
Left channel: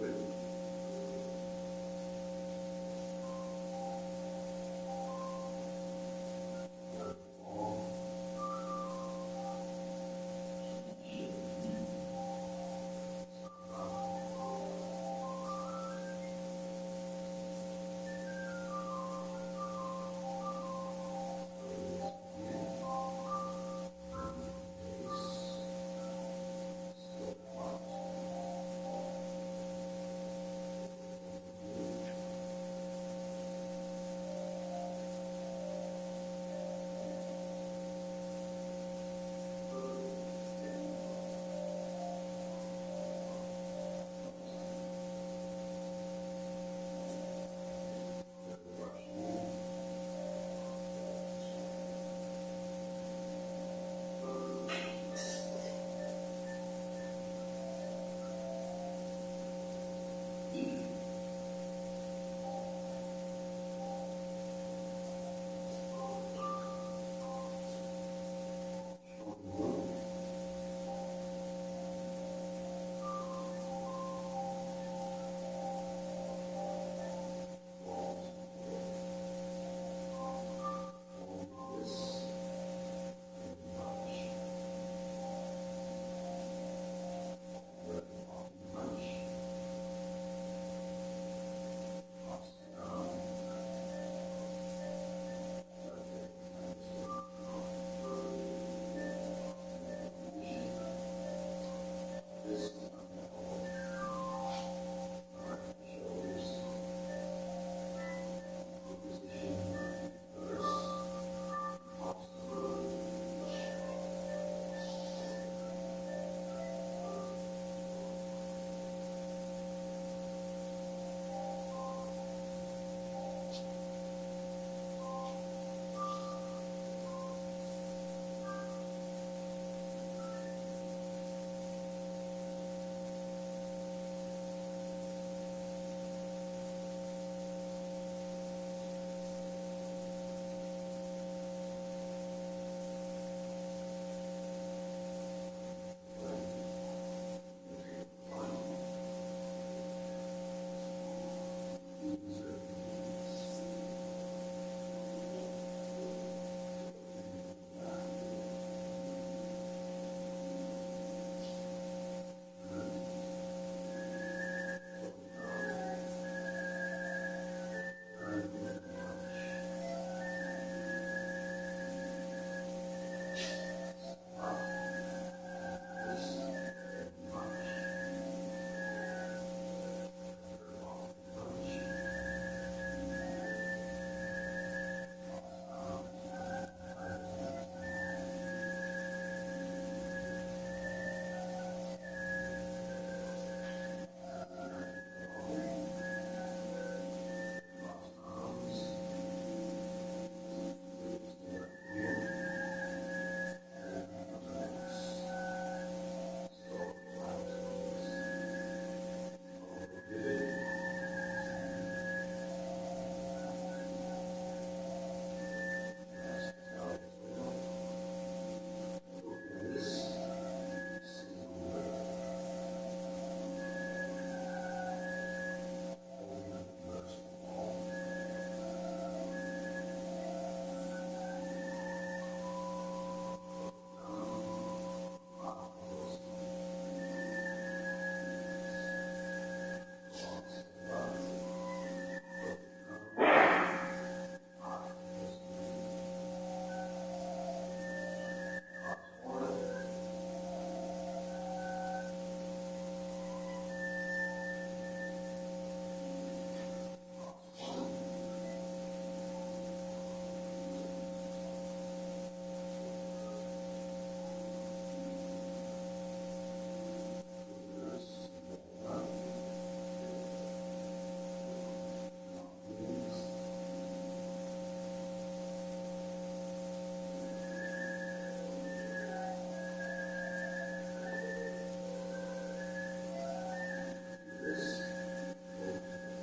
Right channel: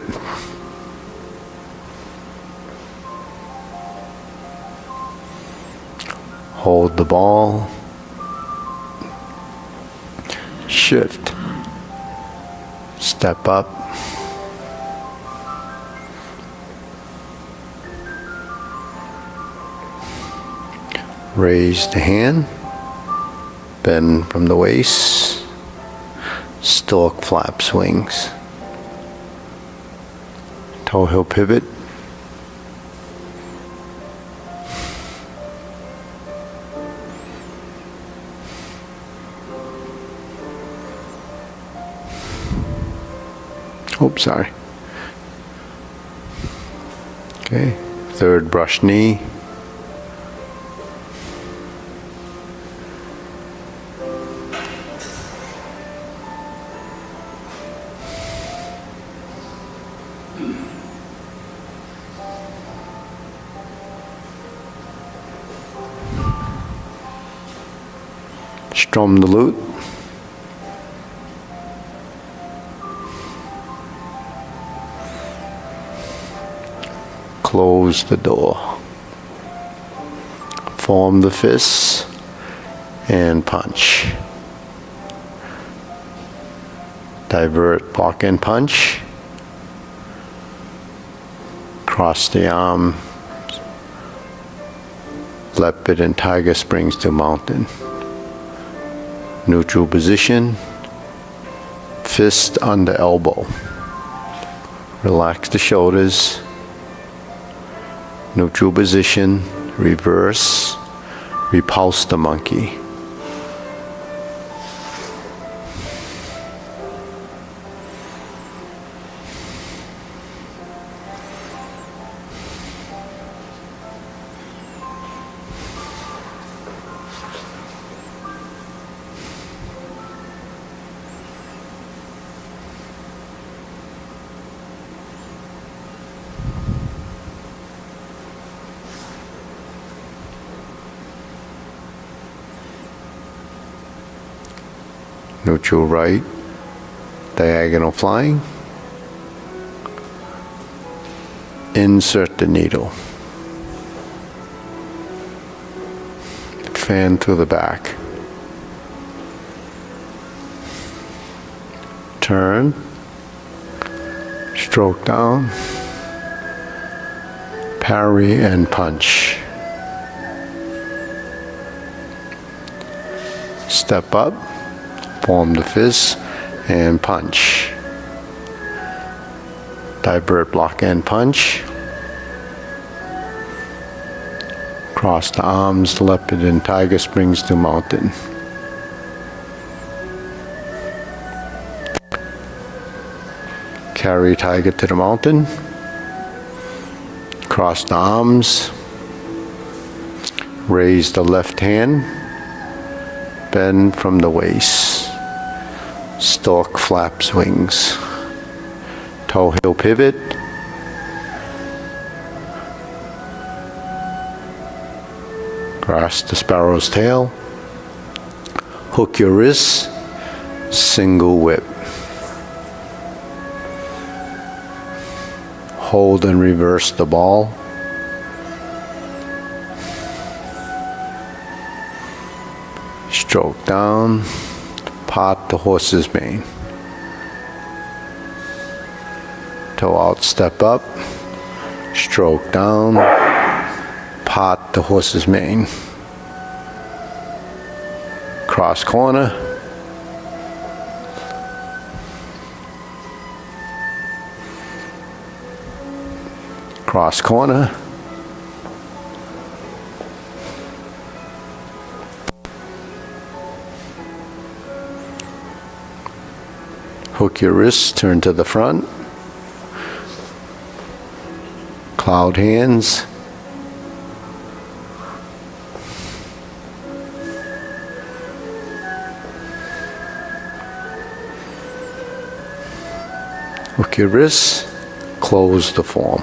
Hold the ball. Shift. Step up. Raise the hand. Bend from the waist. Stork flaps wings. Toe heel pivot. Oops, sorry. Okay, third brush knee. Strum the lute. Close the door. Form the fists and punch. Divert, block and punch. Cross the arm. Leopard and tiger springs to mountain. Neutral position. Fist under elbow. Relax the shoulders. Neutral position. Reverse. repulse the monkey. Neutral right, diagonal flying. Insert the needle. Fan through the back. Turn. Stroke down. Parry and punch. Step up. Form the fist and punch. Divert, block, and punch. Cross the arms, leopard and tiger springs to mountain. Carry tiger to the mountain. Cross the arms. Raise the left hand. Bend from the waist. Stork flaps wings. Toe heel pivot. Grasp the sparrow's tail. Hook your wrists. Single whip. Hold and reverse the ball. Stroke down. Part the horse's mane. Toe out, step up. Stroke down. Part the horse's mane. Cross corner. Cross corner. Hook your wrists, turn to the front. Cloud hands. Hook your wrists, close the form.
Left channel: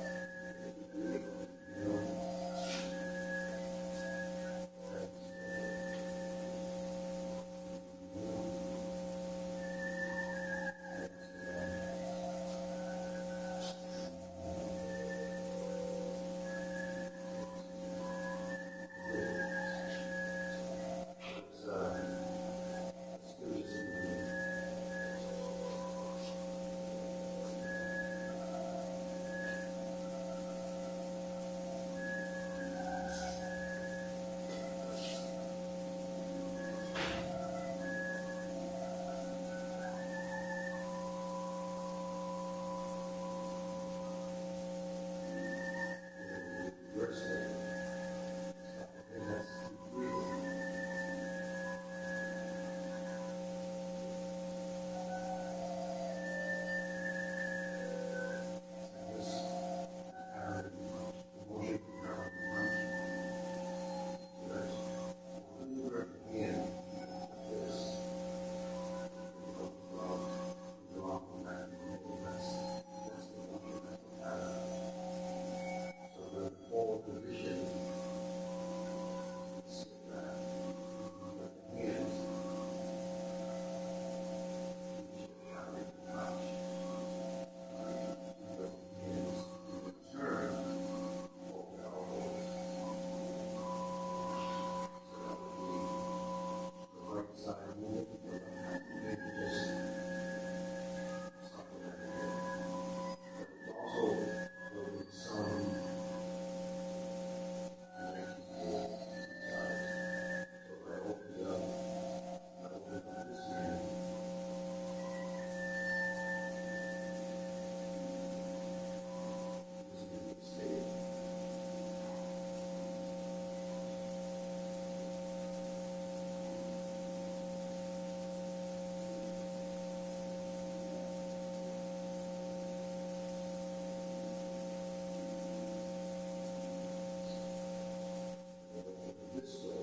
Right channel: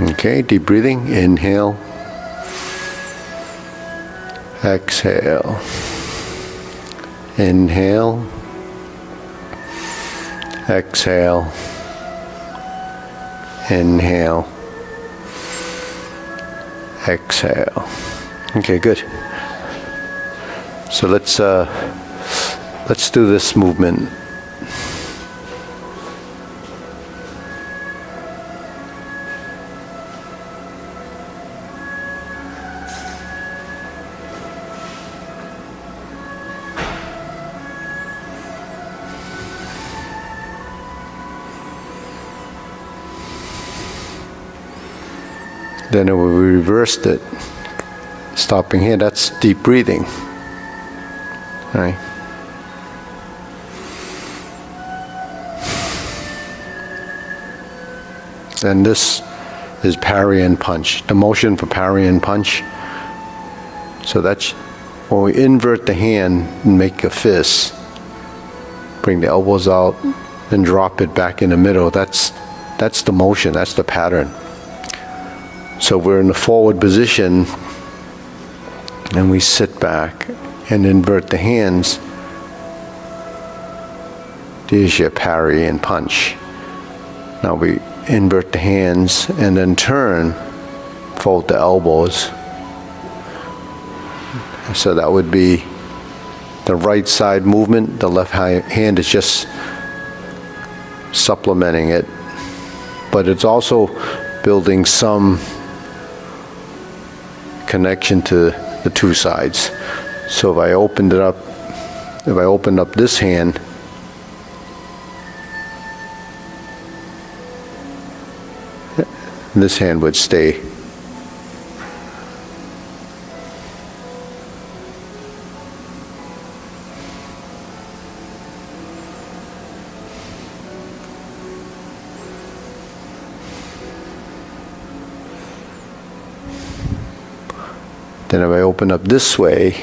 Okay, deep breathing. Inhale. Exhale. Inhale. Exhale. Inhale. Exhale. Okay, good. So let's do this movement. Then we reversed it, stopping here. That's deep breathing. All right. Then this is parry and punch. The motion for parry and punch. So that's when we invert the hand and make a fist. Bring the elbows out and drop it back in the middle. That's the motion. That's the pattern. So we're in the forward position and we sit back and invert the hands. There's your parry and punch. Now we invert the hands and then turn, fold the elbows. So that would be the right side movement. The left hand is just supplementing it. But it's also building some connection to the two sides. So if I opened up this hand, this hand would stay. Then if I open up this way,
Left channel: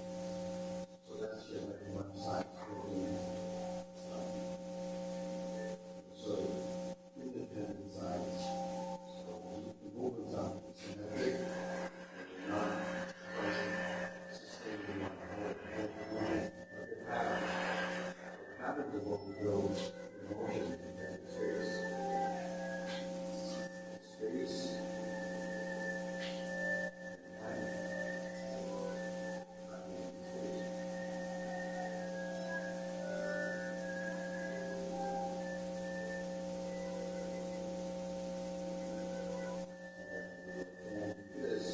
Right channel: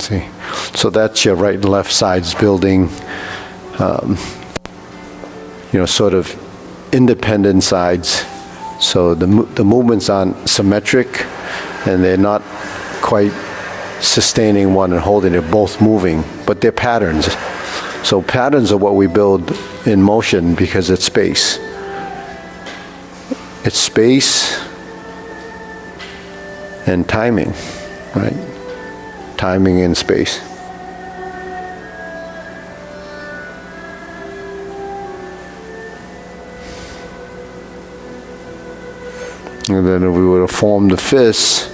see, so that's your right and left sides building, sort of independent sides. So the movements aren't symmetric, and they're not quite sustaining one and holding. They're both moving, but they're patterns. So patterns are what we build in motion because it's space. It's space and timing, right? Timing and space. And then if we were to form the fist,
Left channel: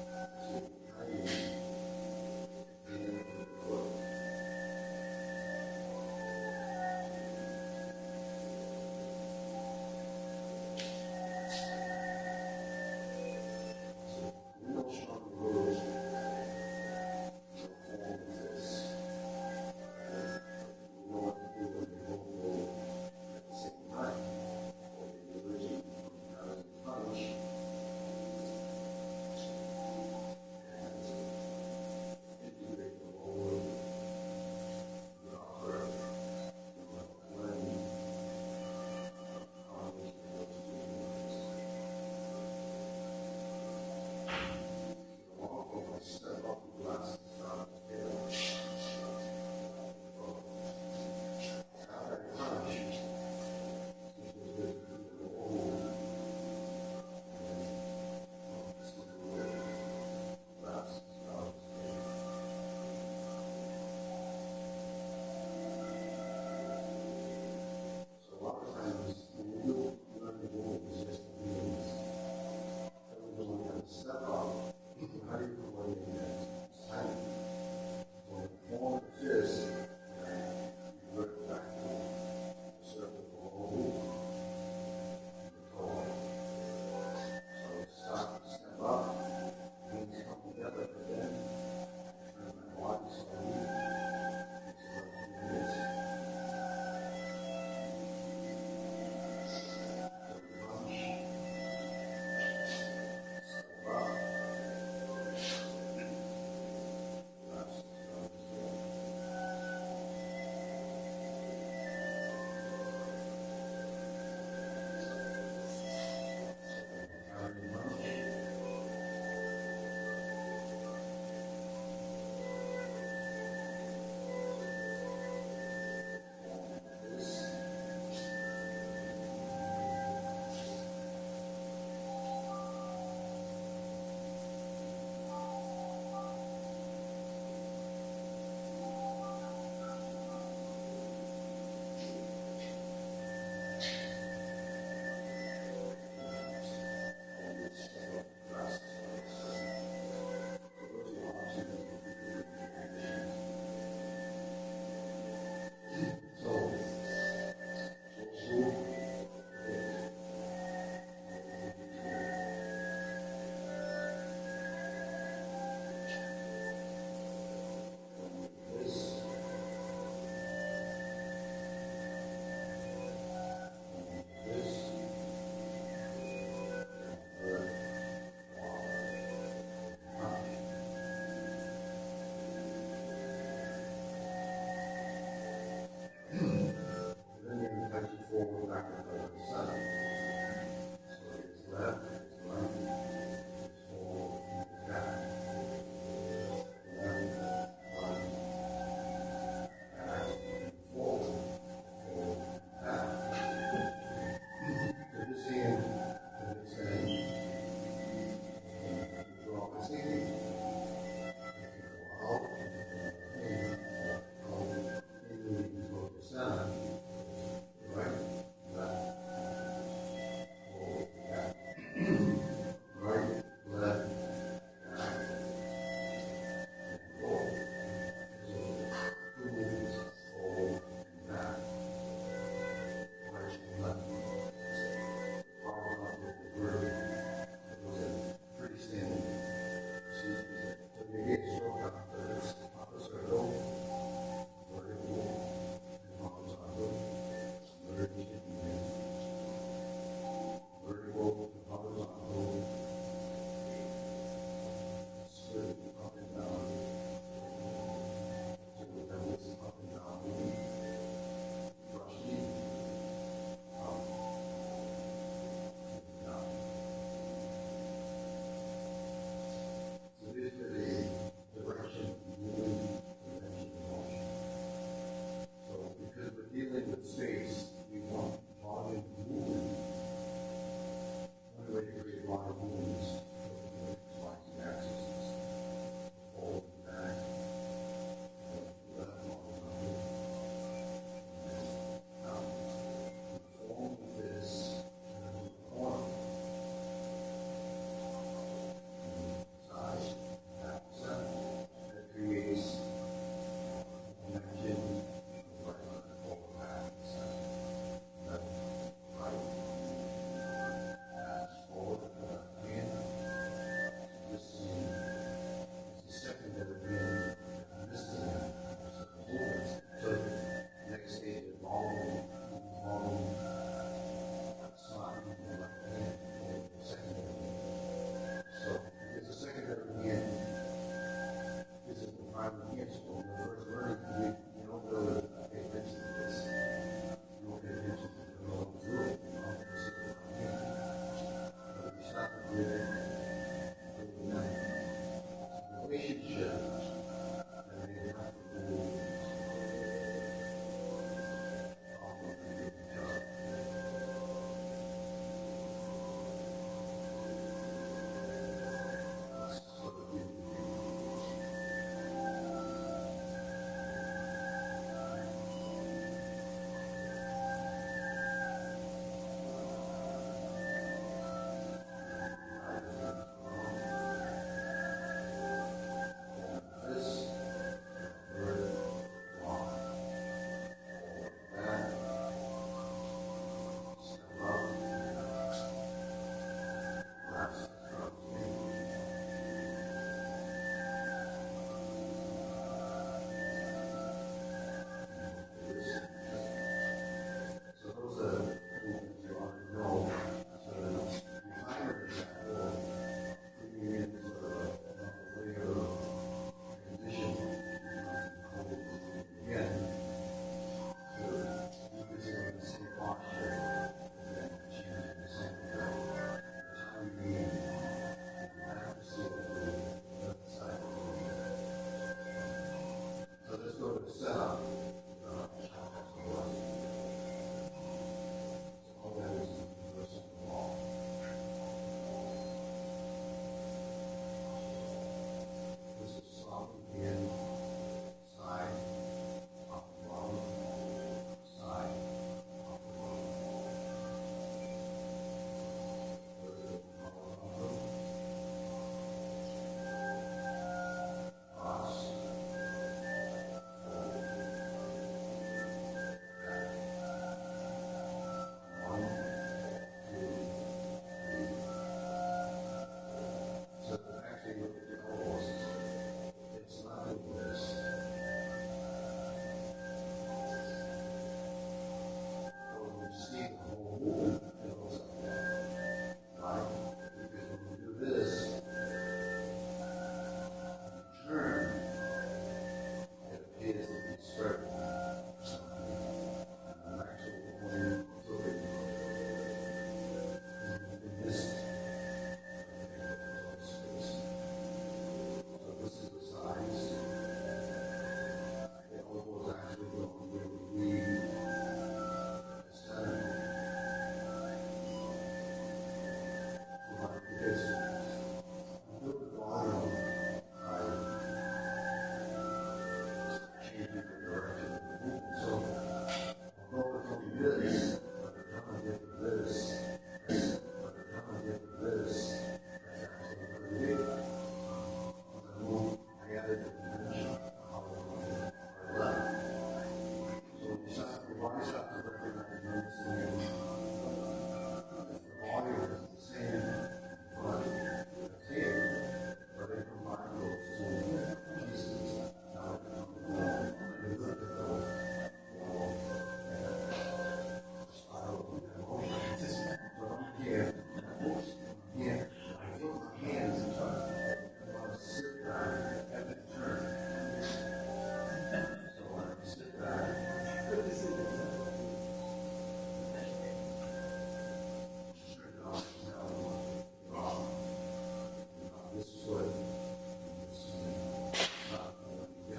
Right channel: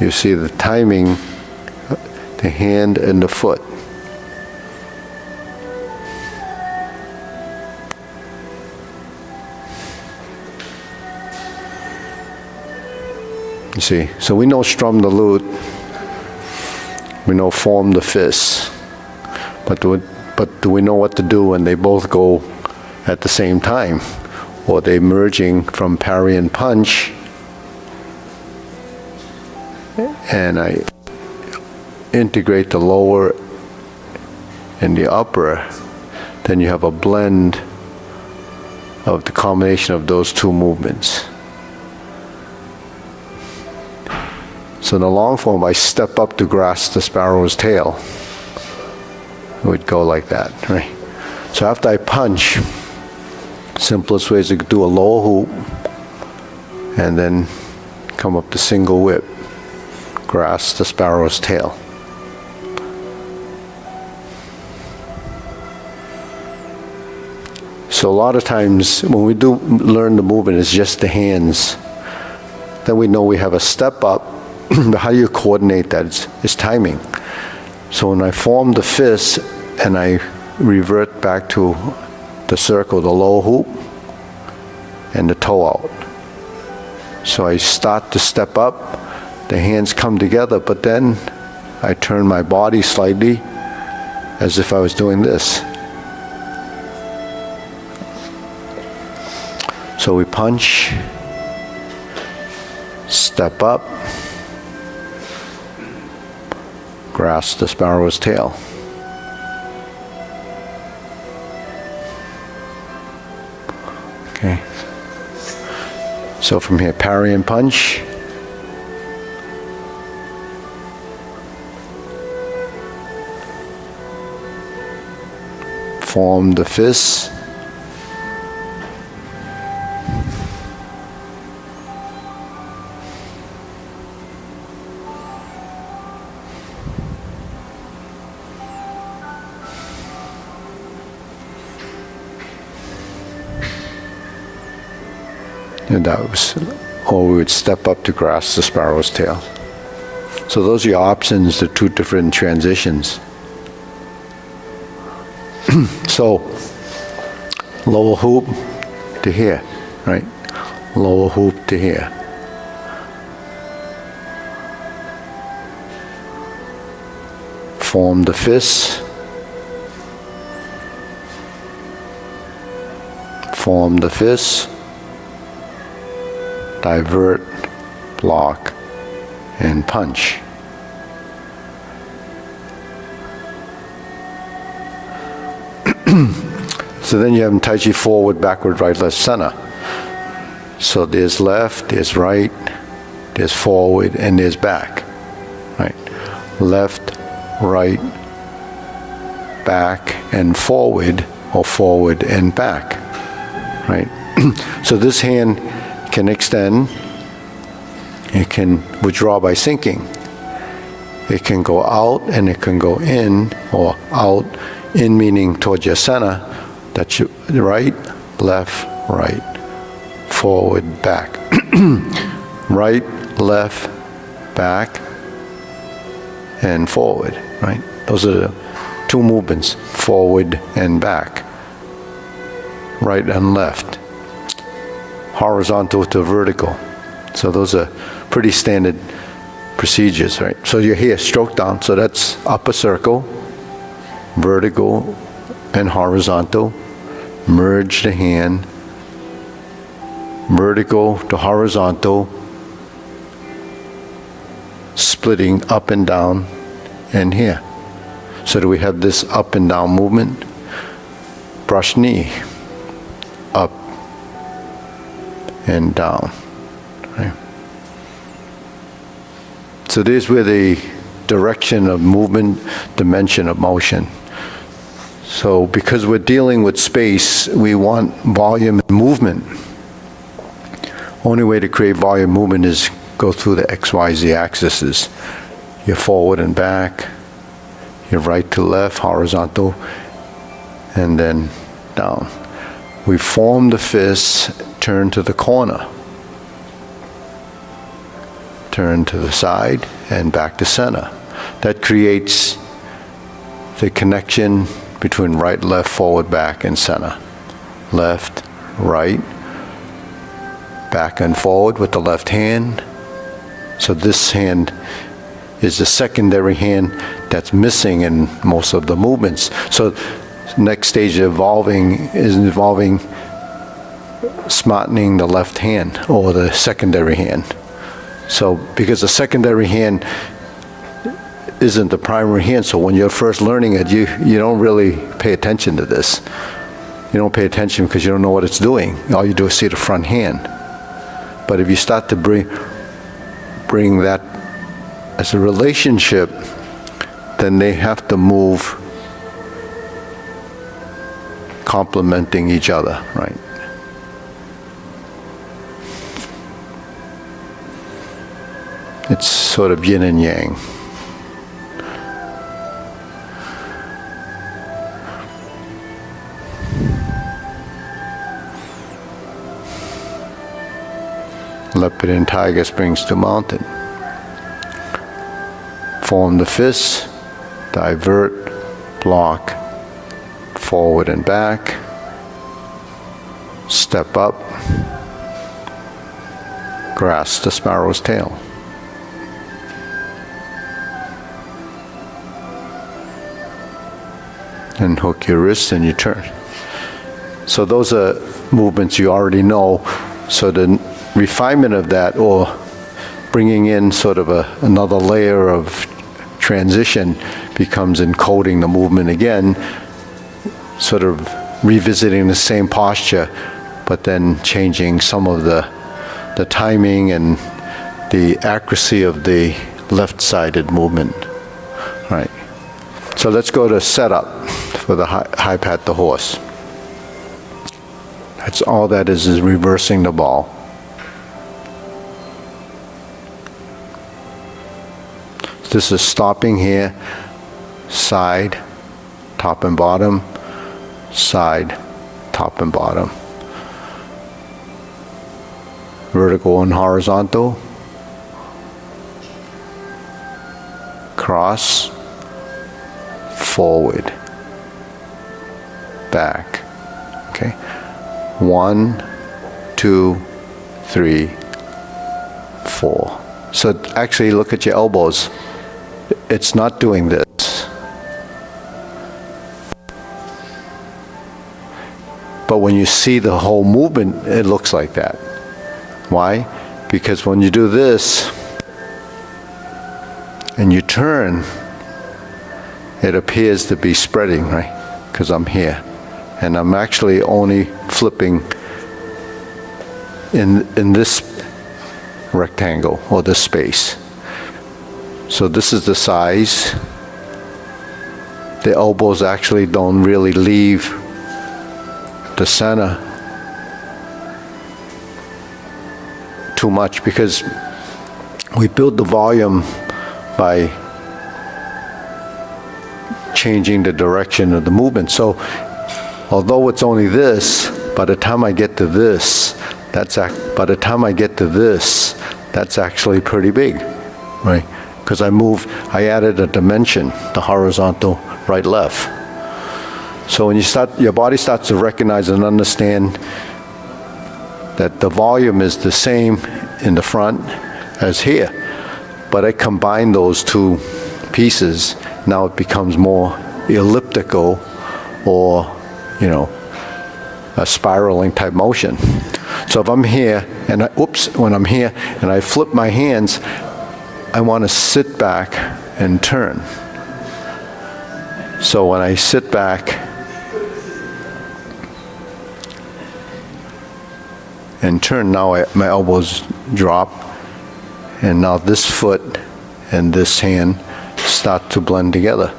you see the timing, the hand and the foot. You see, so we know strum the lute, we know form the fist, but do we know what to do when they both go at the same time? Or they merging from parry and punch, and I integrate the lower and the upper, then you have a blend of the combination of those two movements. So in the long form, I step up to grasp the sparrow's tail. It would go like that, right? So after I punch, simplest way is to do a lower hoop and then come up to single whip, grasp the sparrow's tail. So a lot of times when we do learn the movement, it's just the hands. Then we know we have a step up. How do you coordinate that? It's timing. So when I form the fist and I revert back to the circle, the low hoop, and the toe out. So I start to step up, the hands come together, but then I turn my body slightly as if I was doing this. So we punch, step up, grasp the sparrow's tail. Okay. So from here, parry and punch. Form the fist. And that was, or we would step up to grasp the sparrow's tail. So those are your options, the two different transitions. So, lower hoop to here, right? Lower hoop to here. Form the fist. Form the fist. Divert, block, and punch. So then you have Tai Chi forward, backward, right, left, center. So there's left, there's right, there's forward, and there's back. left, right, back, and forward, or forward and back, right? So this hand can extend, it can withdraw by sinking. It can go out and it can go in, or out, in meaning towards your center. That's your right, left, right, forward, back. Right, left, back, and forward, right? Those are the two movements, forward and back, right and left, horizontal to vertical. So those are pretty standard procedures, right? So you're here, stroke down, so that's upper circle, vertical and horizontal, merge the hand, vertical to horizontal, splitting up and down, and here. So do we have this up and down movement? Brush knee, up and down, right? So there's where the direction of movement, dimension of motion. So because we're dealing with space, we want volume and movement. Only way to create volume movement is go through the XYZ axes. You're forward and back, you're right to left, horizontal, and then down. We form the fist, turn to the corner. Turn to the side and back to center. That creates the connection between right, left, forward, back, and center. Left, right, back and forward with the left hand. So this hand is the secondary hand that's missing in most of the movements. So next stage of is involving smartening the left hand or the secondary hand. So because the secondary hand isn't the primary hand, so when you're first learning it, you don't really pay attention to this. You don't pay attention because you don't know what it's doing. All you do is see the front hand. But if you start to bring that as a relationship, then they have to move complementing each other, right? It's sort of yin and yang. Leopard and tiger springs to mountain. Form the fists, divert, block, forward and back, step up, grasp the sparrow's tail. And hook your wrist and you turn. So those are movements you already know. So the refinement of that, or bringing in sort of another layer of transition, becomes encoding the movement again, sort of revisiting the same posture, but then changing some of the timing and the accuracy of the left-sided movement. Right. So let's go to setup for the high pat the horse. That's all that is reversing the ball. This is stopping here, side, top and bottom, side, top and bottom. Vertical and horizontal. Cross, forward, back. Okay. 1, 2, 3, 4. So actually look at your elbows. It's not doing this. But when you see the whole movement, it looks like that. Why? Because when you do this and you turn, it appears to be spreading, right? Because I'm here. And I'm actually only flipping in this rectangle or this space. So this is the size. The elbows actually don't really leave the center too much because we build the volume by changing the direction of the movement. So although it's only this, by the time I get to this, that's actually pretty big, right? Because I added a dimension, the horizontal right-left. So when your body starts to recognize and understand that the volume is the same in the front as here, but I combine those two pieces, now it becomes more elliptical or, a spiraling type motion. So if I'm here and when I'm here and I flip my hands, I want to sit back and turn. So when I sit back and turn, now my elbows drop, and now this foot and this hand start to blend together.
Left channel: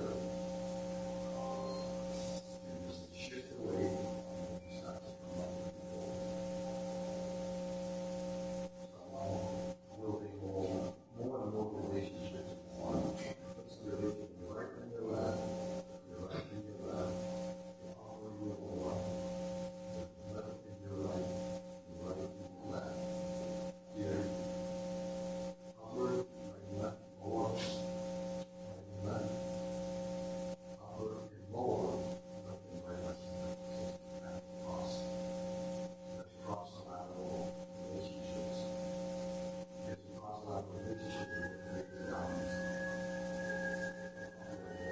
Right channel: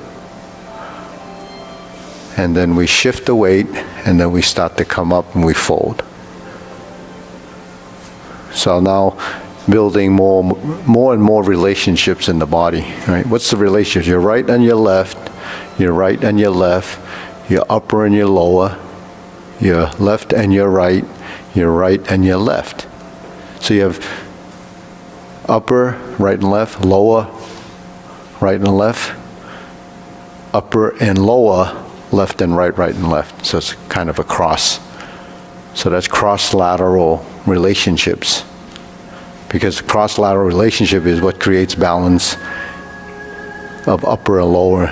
And then we shift the weight, and then we start to come up and we fold. So now building more and more relationships in the body, right? What's the relationship? Your right and your left, your right and your left, your upper and your lower, your left and your right and your left. So you have upper, right and left, lower, right and left, upper and lower, left and right and left. So it's kind of a cross. So that's cross-lateral relationships. Because cross-lateral relationship is what creates balance of upper and lower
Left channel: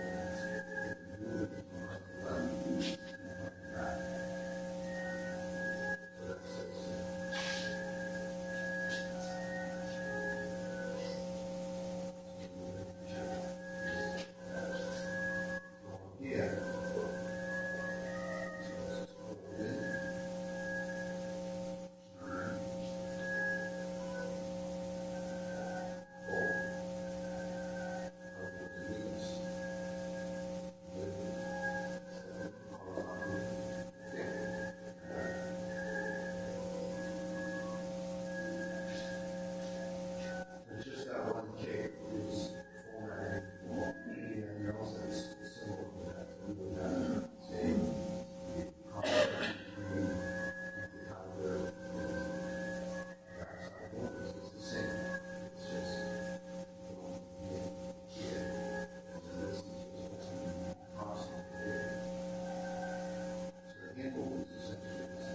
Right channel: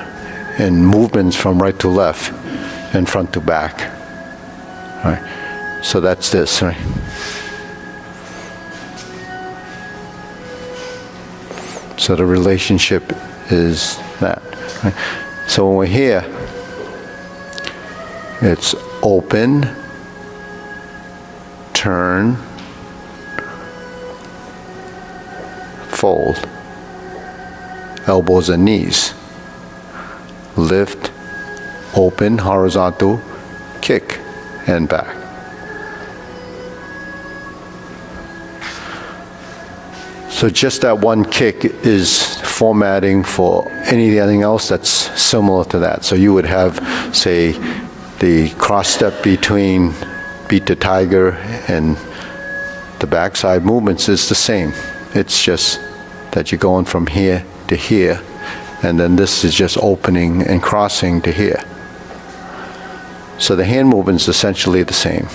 and movements from right to left and front to back. Right? So that's this, right? So the relationship is that. Right? So when we're here, it's open, turn, fold, elbows and knees, lift, open, horizontal, kick, and back. So just that one kick is formatting for anything else that's similar to that. So you would have, say, the cross step between beat the tiger and the backside movements is the same. It's just that you're going from here to here, and then this is just opening and crossing to here. So the hand movement is essentially the same.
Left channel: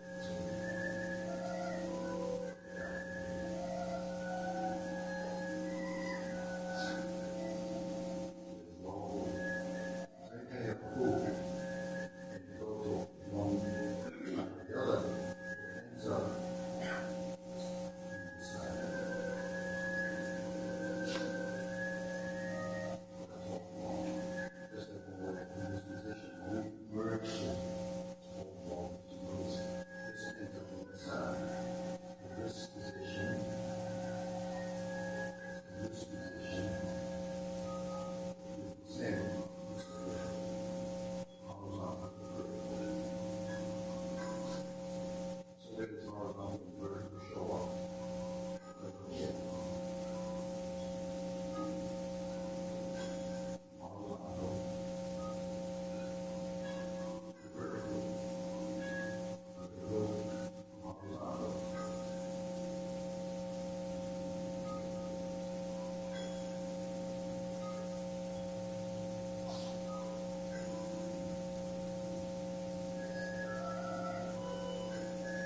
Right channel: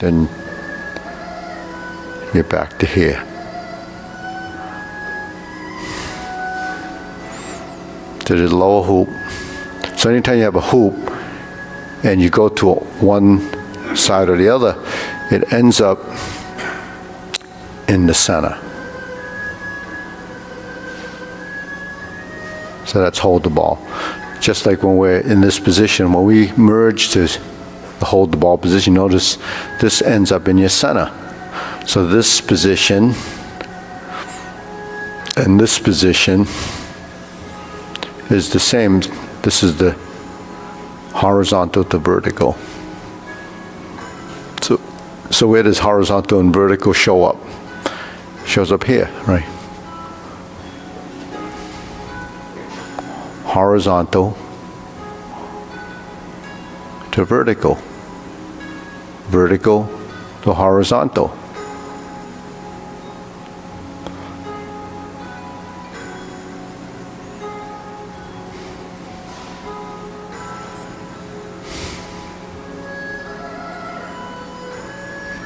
Then you're back to here. To the lower hoop. So anytime you have a hoop and you go to one side or the other, it ends up in the center. So that's hold the ball. Just like when we're in this position, when we merge to hold the ball position, notice this ends up in your center. So this position and this position is the same. This is the horizontal to vertical. So where does horizontal and vertical show up? Shows up here, right? Horizontal to vertical. Vertical to horizontal.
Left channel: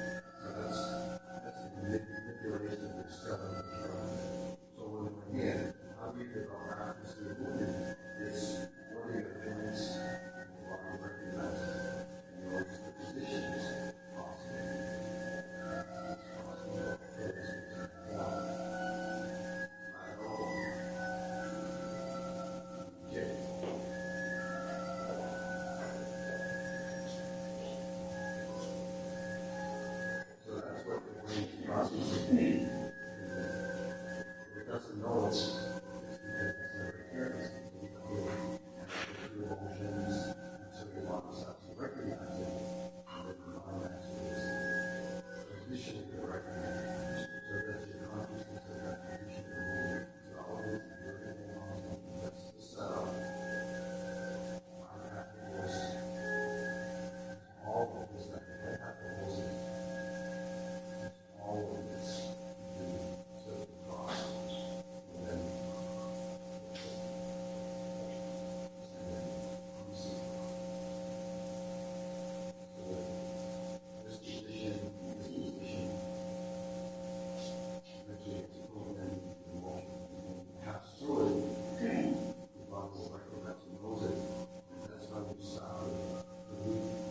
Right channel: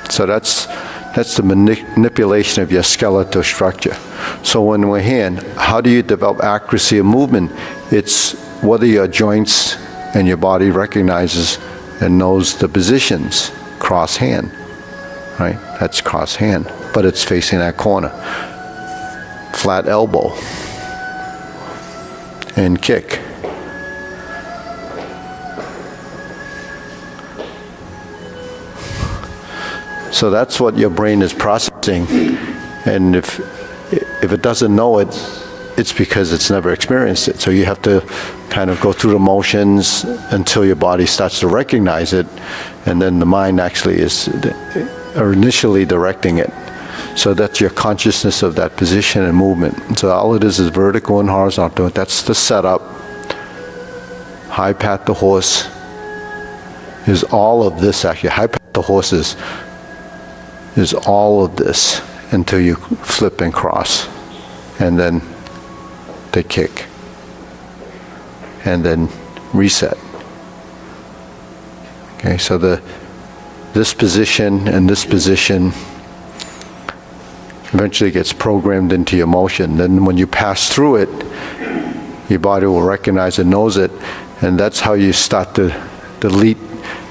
So that's the manipulation of your skeletal structure. So when we're here, how do you develop accuracy of movement? It's whether your joints and your body recognizes and knows the positions. Cross hand, right? That's cross hand, but it's facing that corner. flat elbow, and kick. So that's what your brain is processing, and if it doesn't know it, it's because it's never experienced it. So you have to kind of go through the motions until your body starts to recognize it, and then the mind actually is initially directing it. So that's your consciousness of that position and movement. So all it is vertical and horizontal. That's the setup. High pat the horse is all of this actually. High pat the horse is all of this until you flip and cross, and then the kick, and then reset. Okay, so this position and this position eventually gets programmed into your motion. Then when you pass through it, your body will recognize and knows it, and that's how you start to delete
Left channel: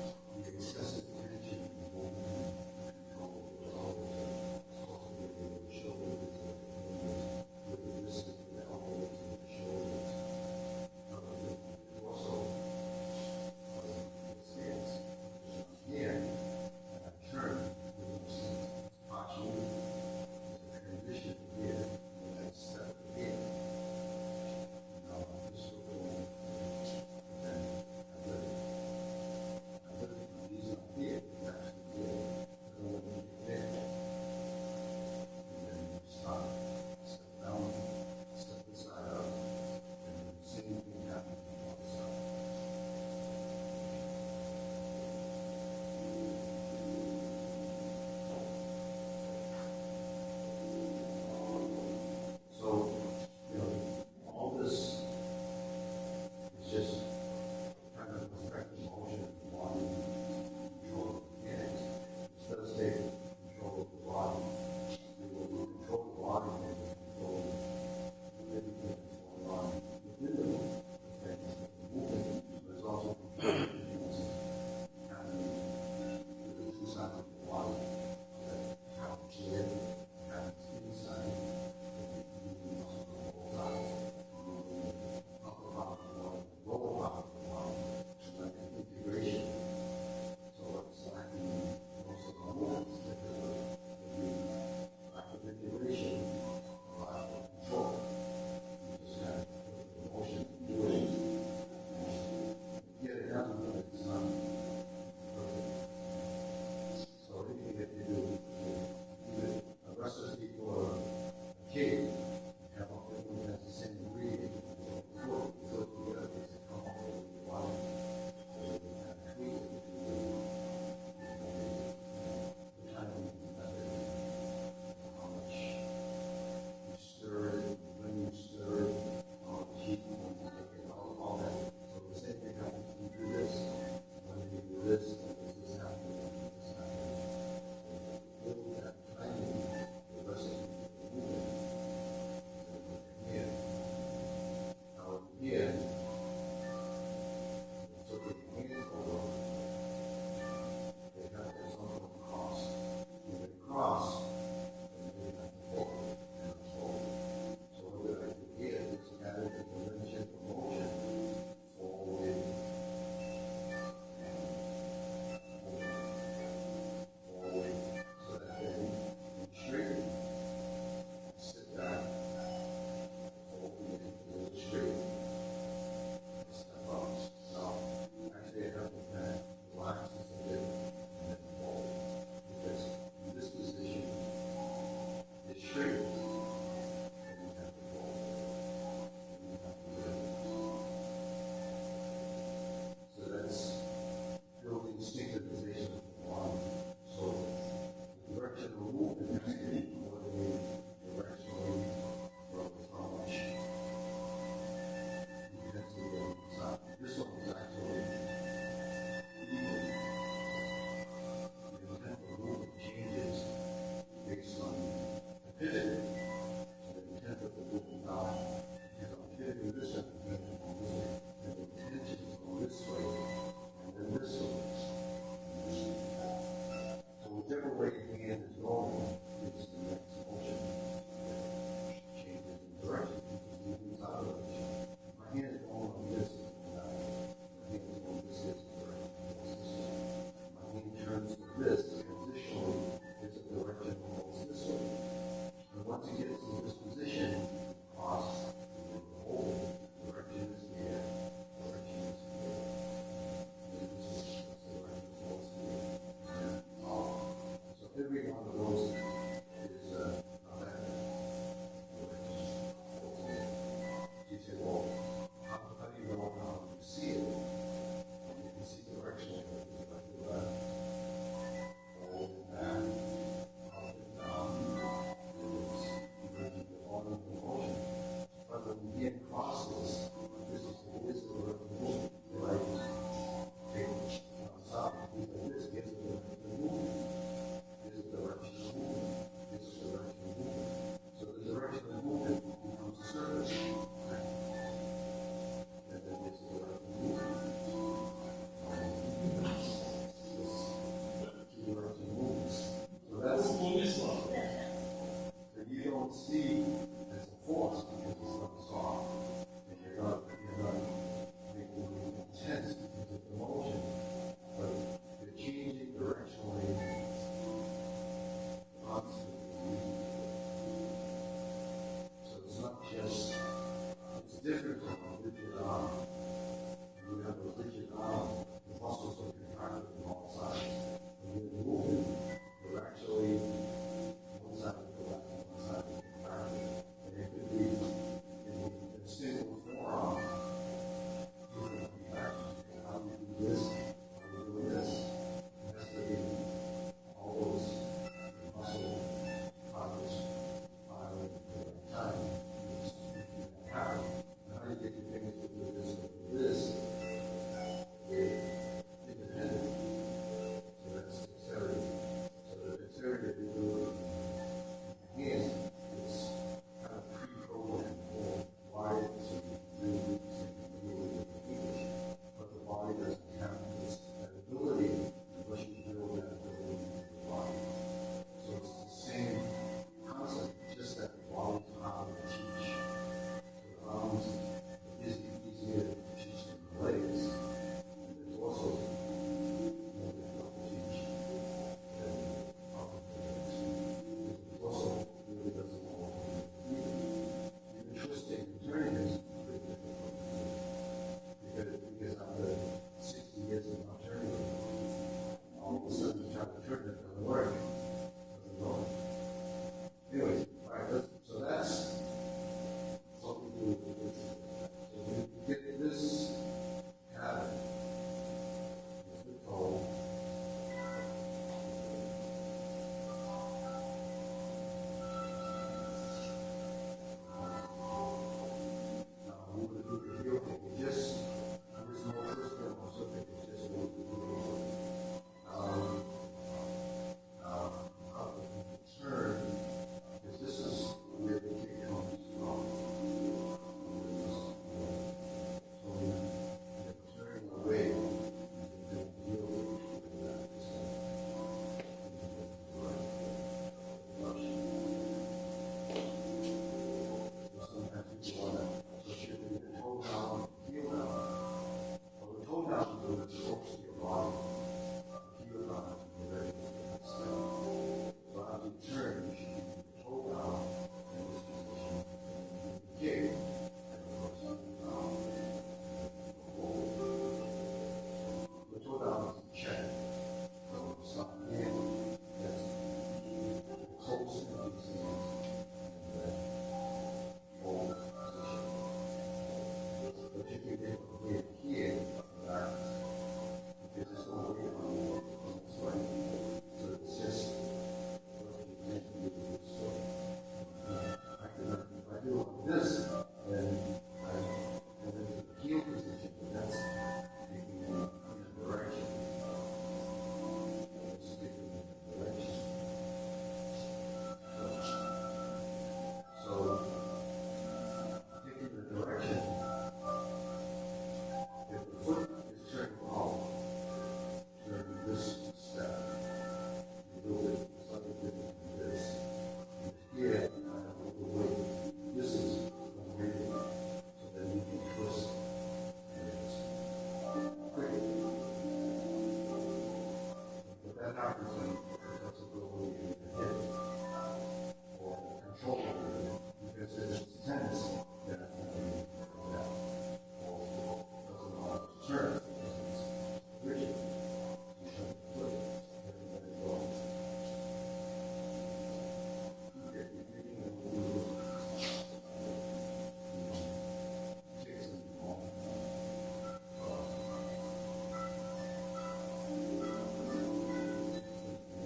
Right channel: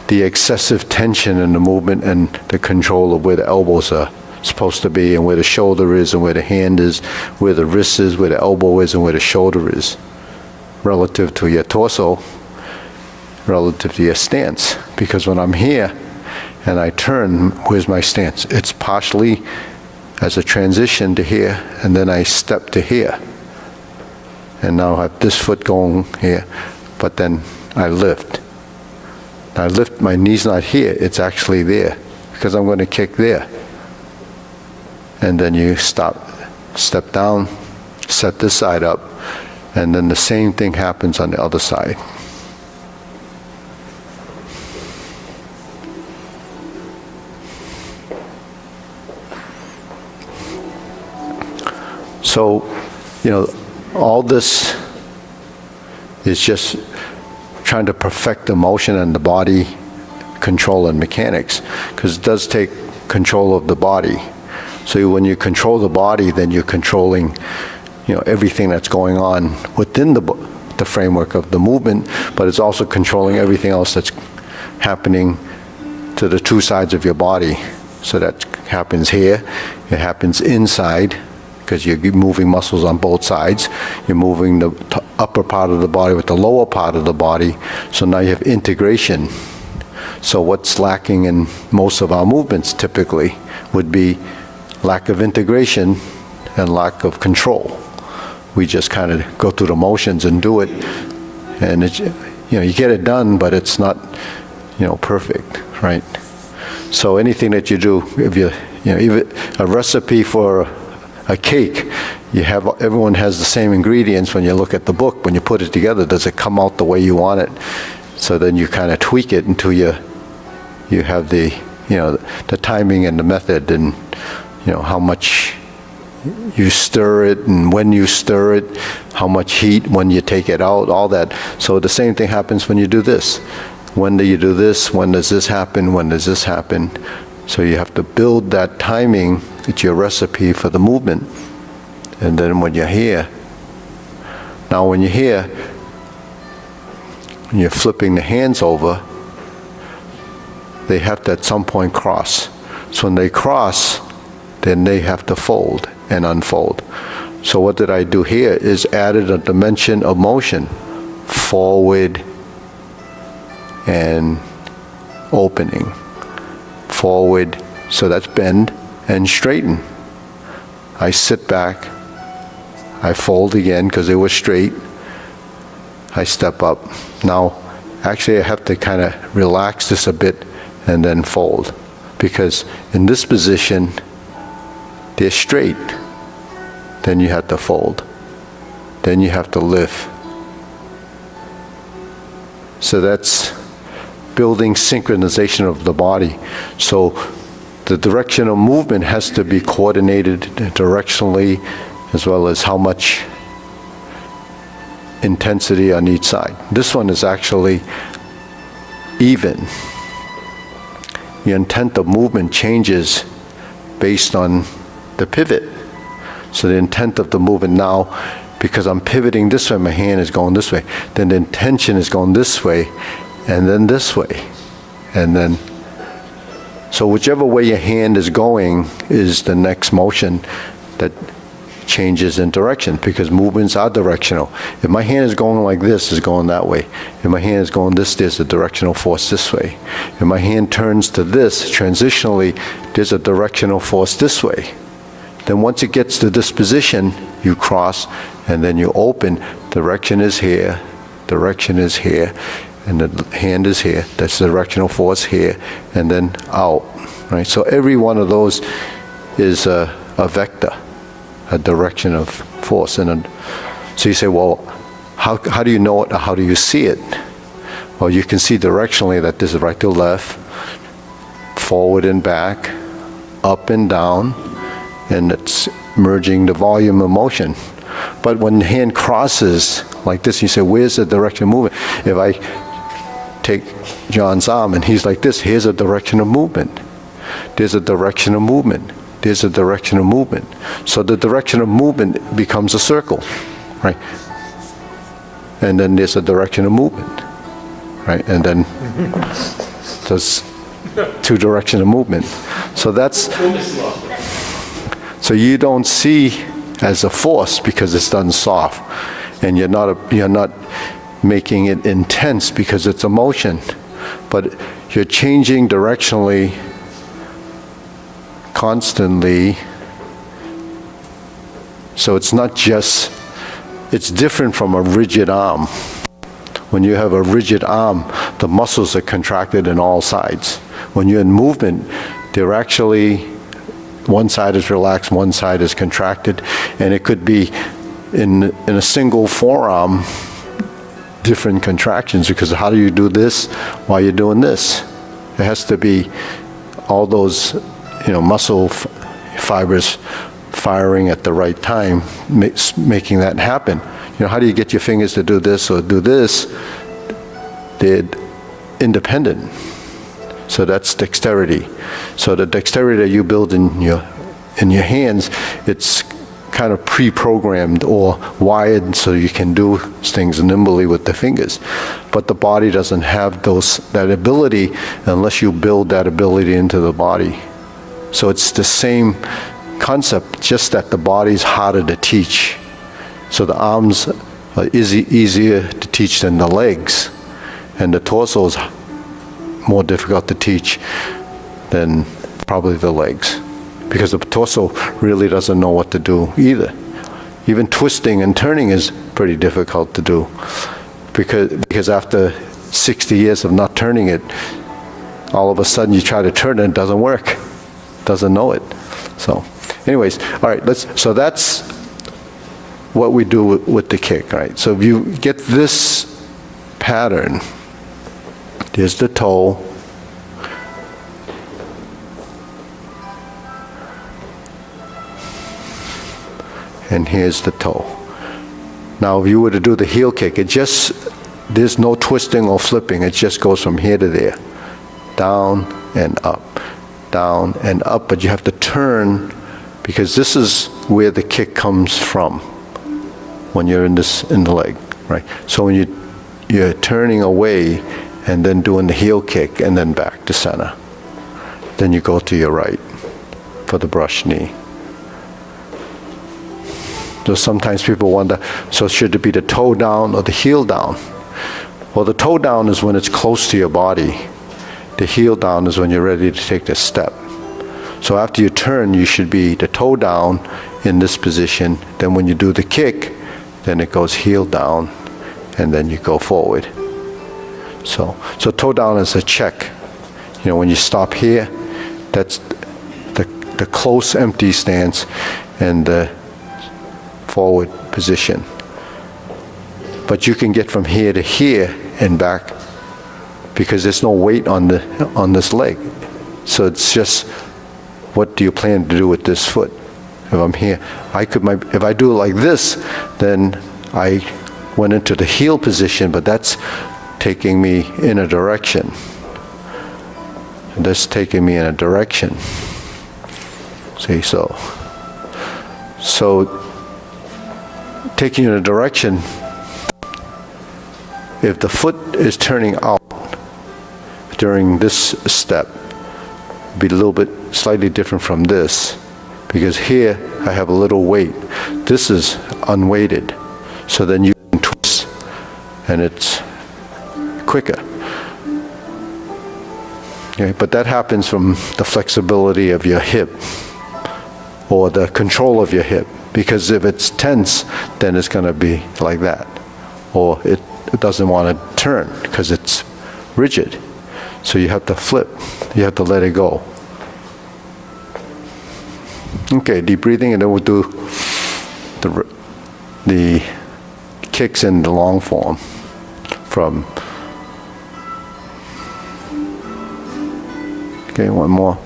the excessive tension in the movement and the control of where the elbows are supposed to be, and where the shoulder is, and where the hand is, where the wrist is, where the elbow is, and where the shoulder is, relative to your torso, relative to your stance. Because when I'm here and I turn, where's my stance? It's partially as a transition to here, and then I step to here. And now I have this foot going here, but then I lift. I lift, my knee's not here, it's actually there, because I'm going to kick there. And then you stop, step down, set this side up, and then the same thing happens on the other side. So, all this is just trying to perfect the motion and the body control and mechanics, because it does take control of the body. So when you control the body, then you're controlling, everything that's going on within the framework of the movement, but it's also controlling everything else that's happening to the two sides of your body. So that happens here, it happens inside, because you're moving muscles on both sides. You're moving the upper part of the body with the lower part of the body. So now you have integration. So what's lacking in most of our movements typically would be lack of integration and lack of control. We just kind of go through the motions and do it, and you get it done, but it's not, perfect, right? So anything that you do, if even a recipe for a cake, everyone has the same ingredients. When you look at the book, when you put it together, does it come out the way you want it? So then you kind of tweak it until you have the timing and the method, and how much you stir it, and when you stir it, how much heat when you take it out, all that. So the same thing happens when you do this. When do you do this? When does this happen? When does this happen? So you have to build that timing. It's your recipe for the movement. And then when you're here, when you're flipping the hands over, they have to at some point cross. So when they cross, then they have to fold and unfold. So what did I do here is added a dimension of motion, forward and opening. Forward, so that's bend and straighten. I sit back, I fold again because it was straight, I step up. Now, actually I have to kind of relax this a bit and then fold, because in this position, they're straight. Then you have to fold. Then you have to lift. So that's building synchronization of the body. So the direction of movement has to be coordinated directionally, as well as how much intensity on each side. This one is actually even. The intent of movement changes based on the pivot. So the intent of the movement now, because I'm pivoting this way, my hand is going this way, then the intention is going this way, and then this way. And then, so whichever way your hand is going is the next motion that changes in direction, because movements are directional. If my hand is going like this, it's going that way. If my hand is going this, there's a directional force this way. If my hand turns to this, transitionally, there's a directional force this way. Then once it gets to this position, you cross, and then you open. Direction is here, direction is here, and the hand is here. That's the directional force here, and then out, right? So every one of those is a vector, a direction of force. And so you say, well, how do you know it, or how do you see it? Well, you can see directionally that this is right to left, forward and back, up and down, and it's merging the volume of motion. But when the hand crosses like this, you say, where's the direction of movement? If I take John's arm and he's like this, here's a direction of movement. There's a direction of movement. There's a direction of movement. So the direction of movement becomes a circle, right? And then there's a direction of movement, right? And then there's two direction of movement. So that's, so you don't see as a force because it's done soft, and you're not making it intense because it's a motion, but you're changing directionally constantly. So it's not just, it's different from a rigid arm. When you have a rigid arm, the muscles are contracted in all sides. When you're in movement, they're actually, one side is relaxed, one side is contracted, and it could be in a single forearm, different contractions, because how do you do this while you're doing this? It has to be all those, muscle fibers firing at the right time, making that happen. How do you get your fingers to do this or do this? They're independent. So that's dexterity. So the dexterity that you build in your hands, it's kind of pre-programmed or wired so you can do things nimbly with the fingers. But the body doesn't have that ability unless you build that ability into the body. So it's the same concept, just that the body's harder to teach. So the arms are easier to teach than the legs, and the torso is more difficult to teach than probably the legs, because the torso really doesn't know what to do either. Even twisting and turning is pretty difficult to do, because after 60 years of not turning it, all of a sudden you try to turn it, it doesn't work, doesn't know it. So anyways, all right, so that's what we do with the kick, right? So if you get this pattern, there's the toe, and here's the toe. Now if you were to do the heel kick, there's no twisting or flipping, it just goes from here to there, down and up, but you have to turn, because this is where the kick comes from when you're in the leg, right? So when you're turning away and then doing the heel kick and then back to center, then you go to your right for the brush knee. So sometimes people wonder, so should it be the toe down or the heel down? Well, the toe down is when it's close to your body. The heel down is when you're ready to take the step. So after you turn, you should be the toe down in this position. Then when you do the kick, then it goes heel down, and then you go forward. So toe down is a check. When you stop here, that's the close empty stance and the forward position. But you can get from here to here and back because there's no weight on this leg. So it's just, what do you plan to do with this foot? If I'm here, if I do it like this, then I went into the heel position, but that's taking me in a direction. And that's taking me in a direction. See, so taking you in a direction, if the foot is turning out during this step, be a little bit slightly different from this, because here I have a little weight. This is unweighted. So then you can twist and it's quicker. Okay, but that happens from the flexibility of your hip or the control of your hip, because if it's tense, then it's going to be like that, or it doesn't want to turn because it's rigid. So you have to flip, you have to let it go. Okay, deep breathing, and then we'll do the kicks in the long form from. Okay, one more.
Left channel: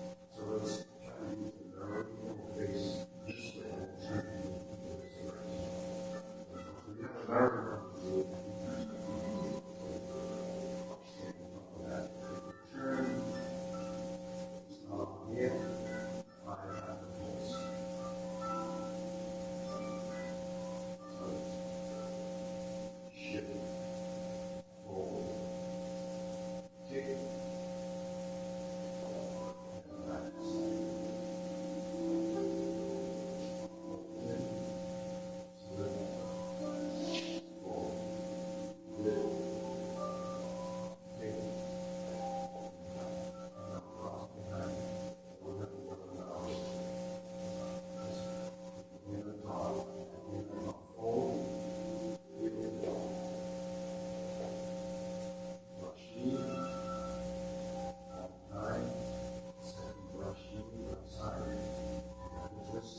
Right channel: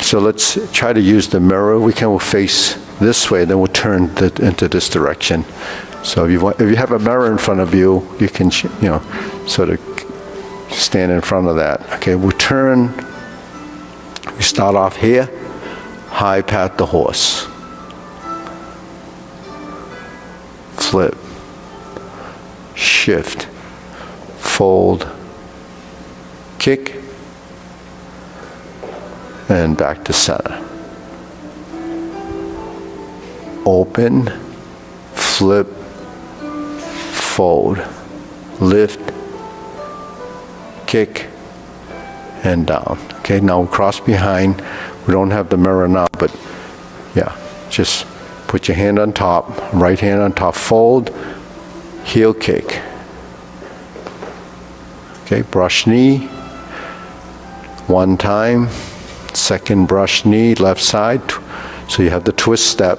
So let's try to use the mirror. We can face this way, then we'll turn into this direction. So if you have a mirror in front of you, you can, sort of stand in front of that. Okay, we'll turn. We start off here, high pat the horse. Flip, shift, fold, kick, and back to center. Open, flip, fold, lift, kick, and down. Okay, now cross behind. We don't have the mirror now, but yeah, just put your hand on top, right hand on top, fold, heel kick. Okay, brush knee, one time, second brush knee, left side, so you have the twist step.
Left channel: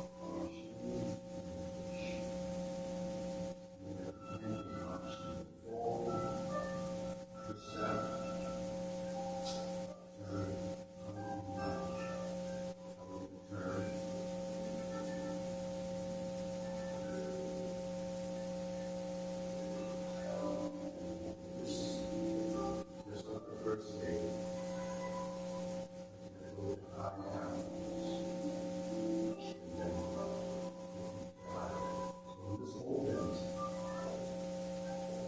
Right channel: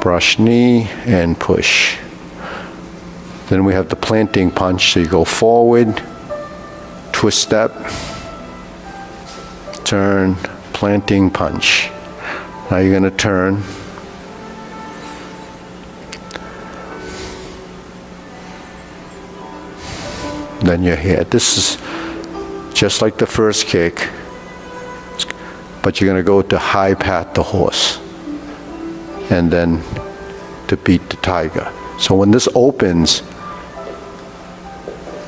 Brush knee and push. Then we have the planting punch, so you go forward, twist step, turn, planting punch. Now you're going to turn. Then you're here. This is just like the first kick, but you're going to go to high pat the horse and then to beat the tiger. So when this opens,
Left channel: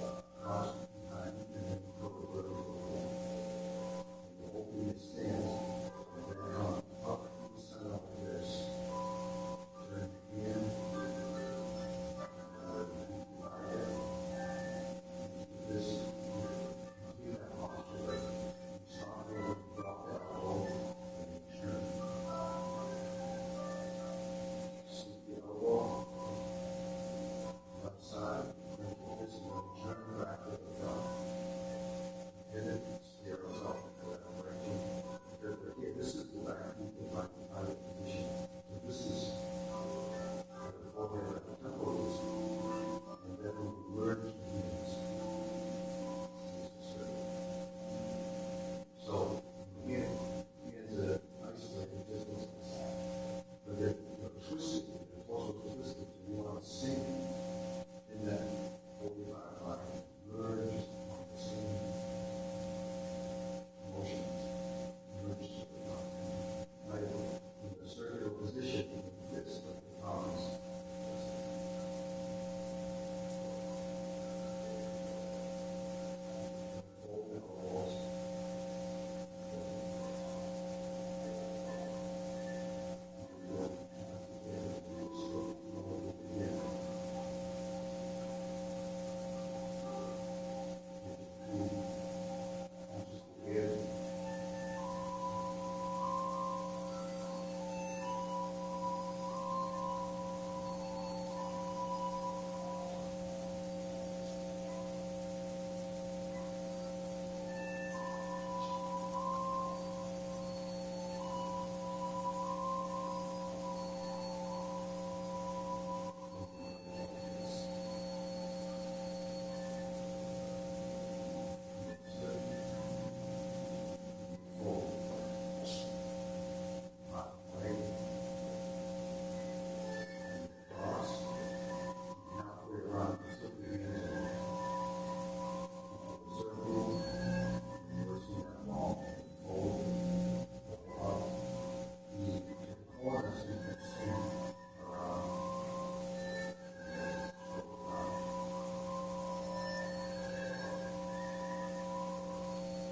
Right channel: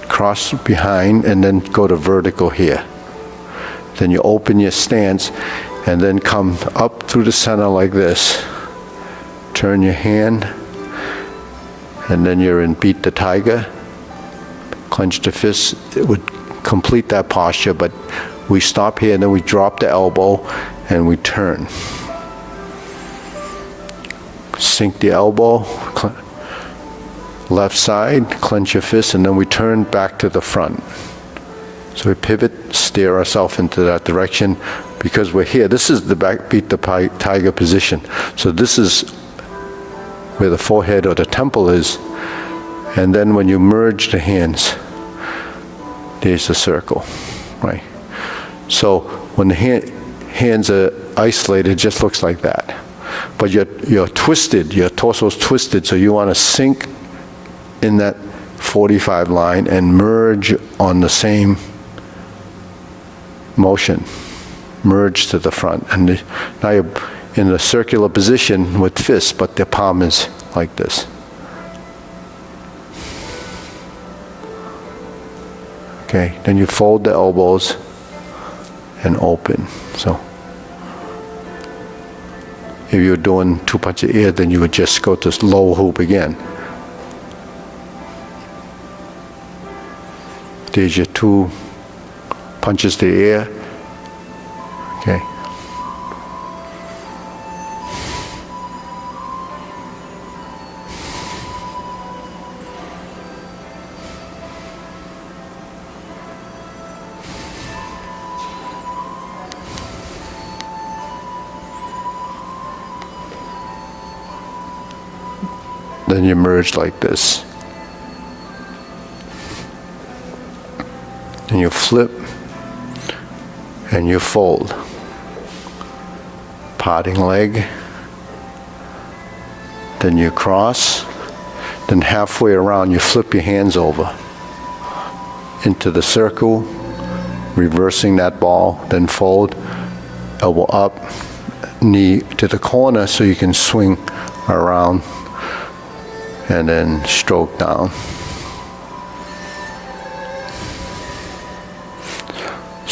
cross behind and then go to vertical here. Then you open your stance and then come up through the center like this. Turn your hand and then you're in beat the tiger. Clench the fist. It would complete that posture, but we stop here and then we drop the elbow and we turn. Sink the elbow, left side, clench your fist, and then we turn back to the front. So we pivot, steer ourselves into that direction because we're here. This is the back beat the tiger position. So this is where the forehead or the temple is. And then when you merge the hands, there's a circle, right? So when the hands are isolated, it just looks like that. But you're twisted, your torso's twisted, so you want to sink in that 45 line and merge on the same motion. Merge to the front. And now you're in a circular position with fists, but the palm is like this. Okay, then you fold the elbows and open. So if you're doing two punches of air, then you would just go to low hoop again. There's your two punches to the air. Okay. Then you merge like this. And you flip and you fold. Parting leg. Then you cross. Then halfway around you flip your hands over into the circle, reversing that ball, then fold, elbow up, knee to the corner so you can swing around and then stroke down.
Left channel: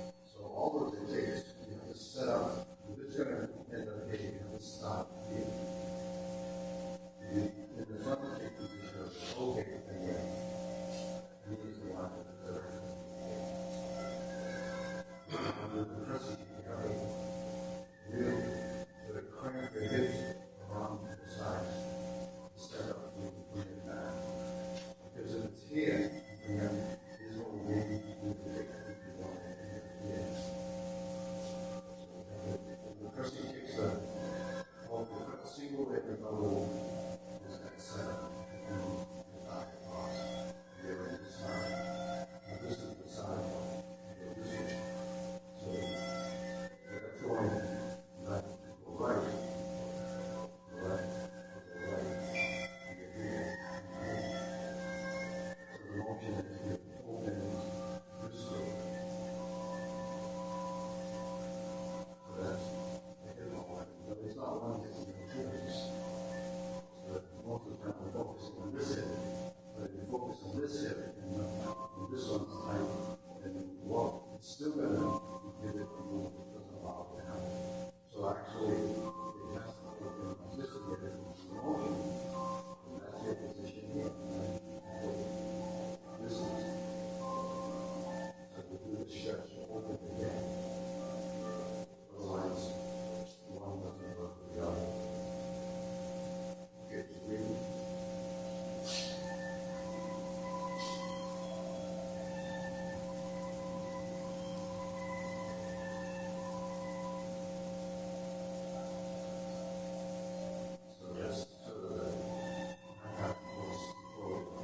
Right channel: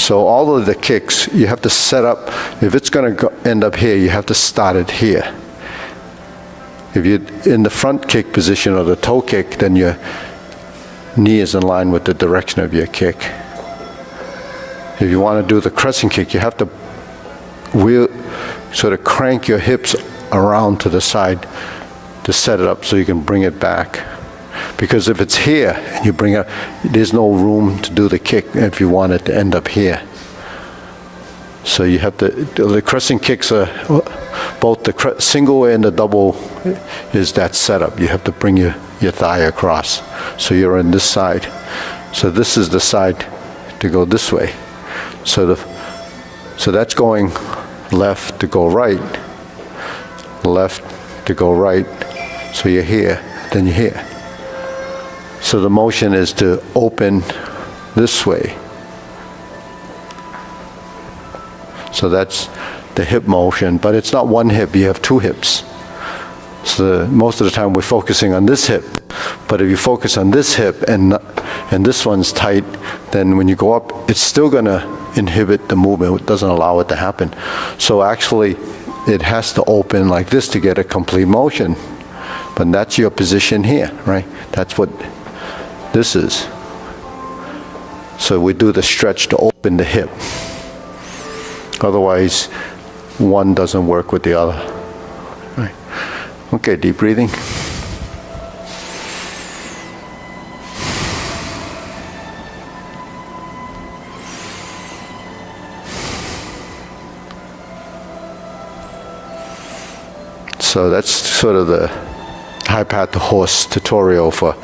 So all of the kicks, you have to set up, if it's going to end up here, you have to start it here. If you're in the front kick position or the toe kick, then your knee is in line with the direction of your kick. If you want to do the crescent kick, you have to sort of crank your hips around to the side to set it up so you can bring it back. Because if it's here, and you bring it, there's no room to do the kick if you want it to end up here. So you have to, the crescent kicks are, both the single and the double is that setup. You have to bring your thigh across. So you're on this side. So this is the side to go this way. So that's going left to go right, left to go right. So you're here, then you're here. So the motion is to open this way. So that's the hip motion, but it's not one hip, you have two hips. So most of the time we're focusing on this hip, but if you focus on this hip and this one's tight, then when you go up, it's still gonna inhibit the movement, it doesn't allow it to happen. So actually, it has to open like this to get a complete motion. But that's your position here, right? That's what this is. So we do the stretch to open the hip. Otherwise, one doesn't work with the other. Right. Okay, deep breathing. So that's sort of the high path to horse tutorial for,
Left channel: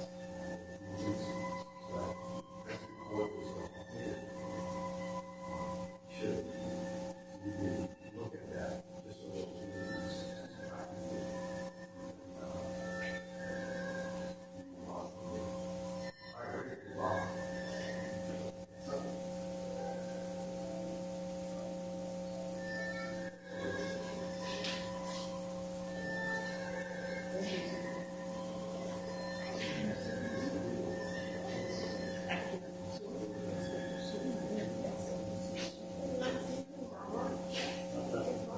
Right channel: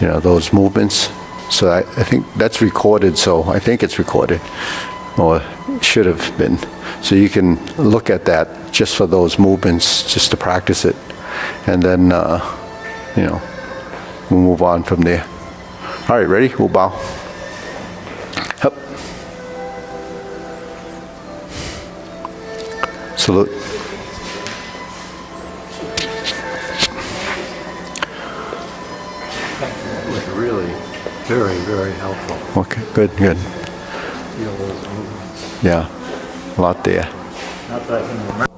those movements. So I think that's recorded, so I think it's recorded, or should have been. So you can look at that just for those movements, just to practice it. And then, we'll move on from there. All right, ready? We'll bow. Up. Salute. It was really very, very helpful. Okay, good. Yeah, a lot there. Not that I can remember.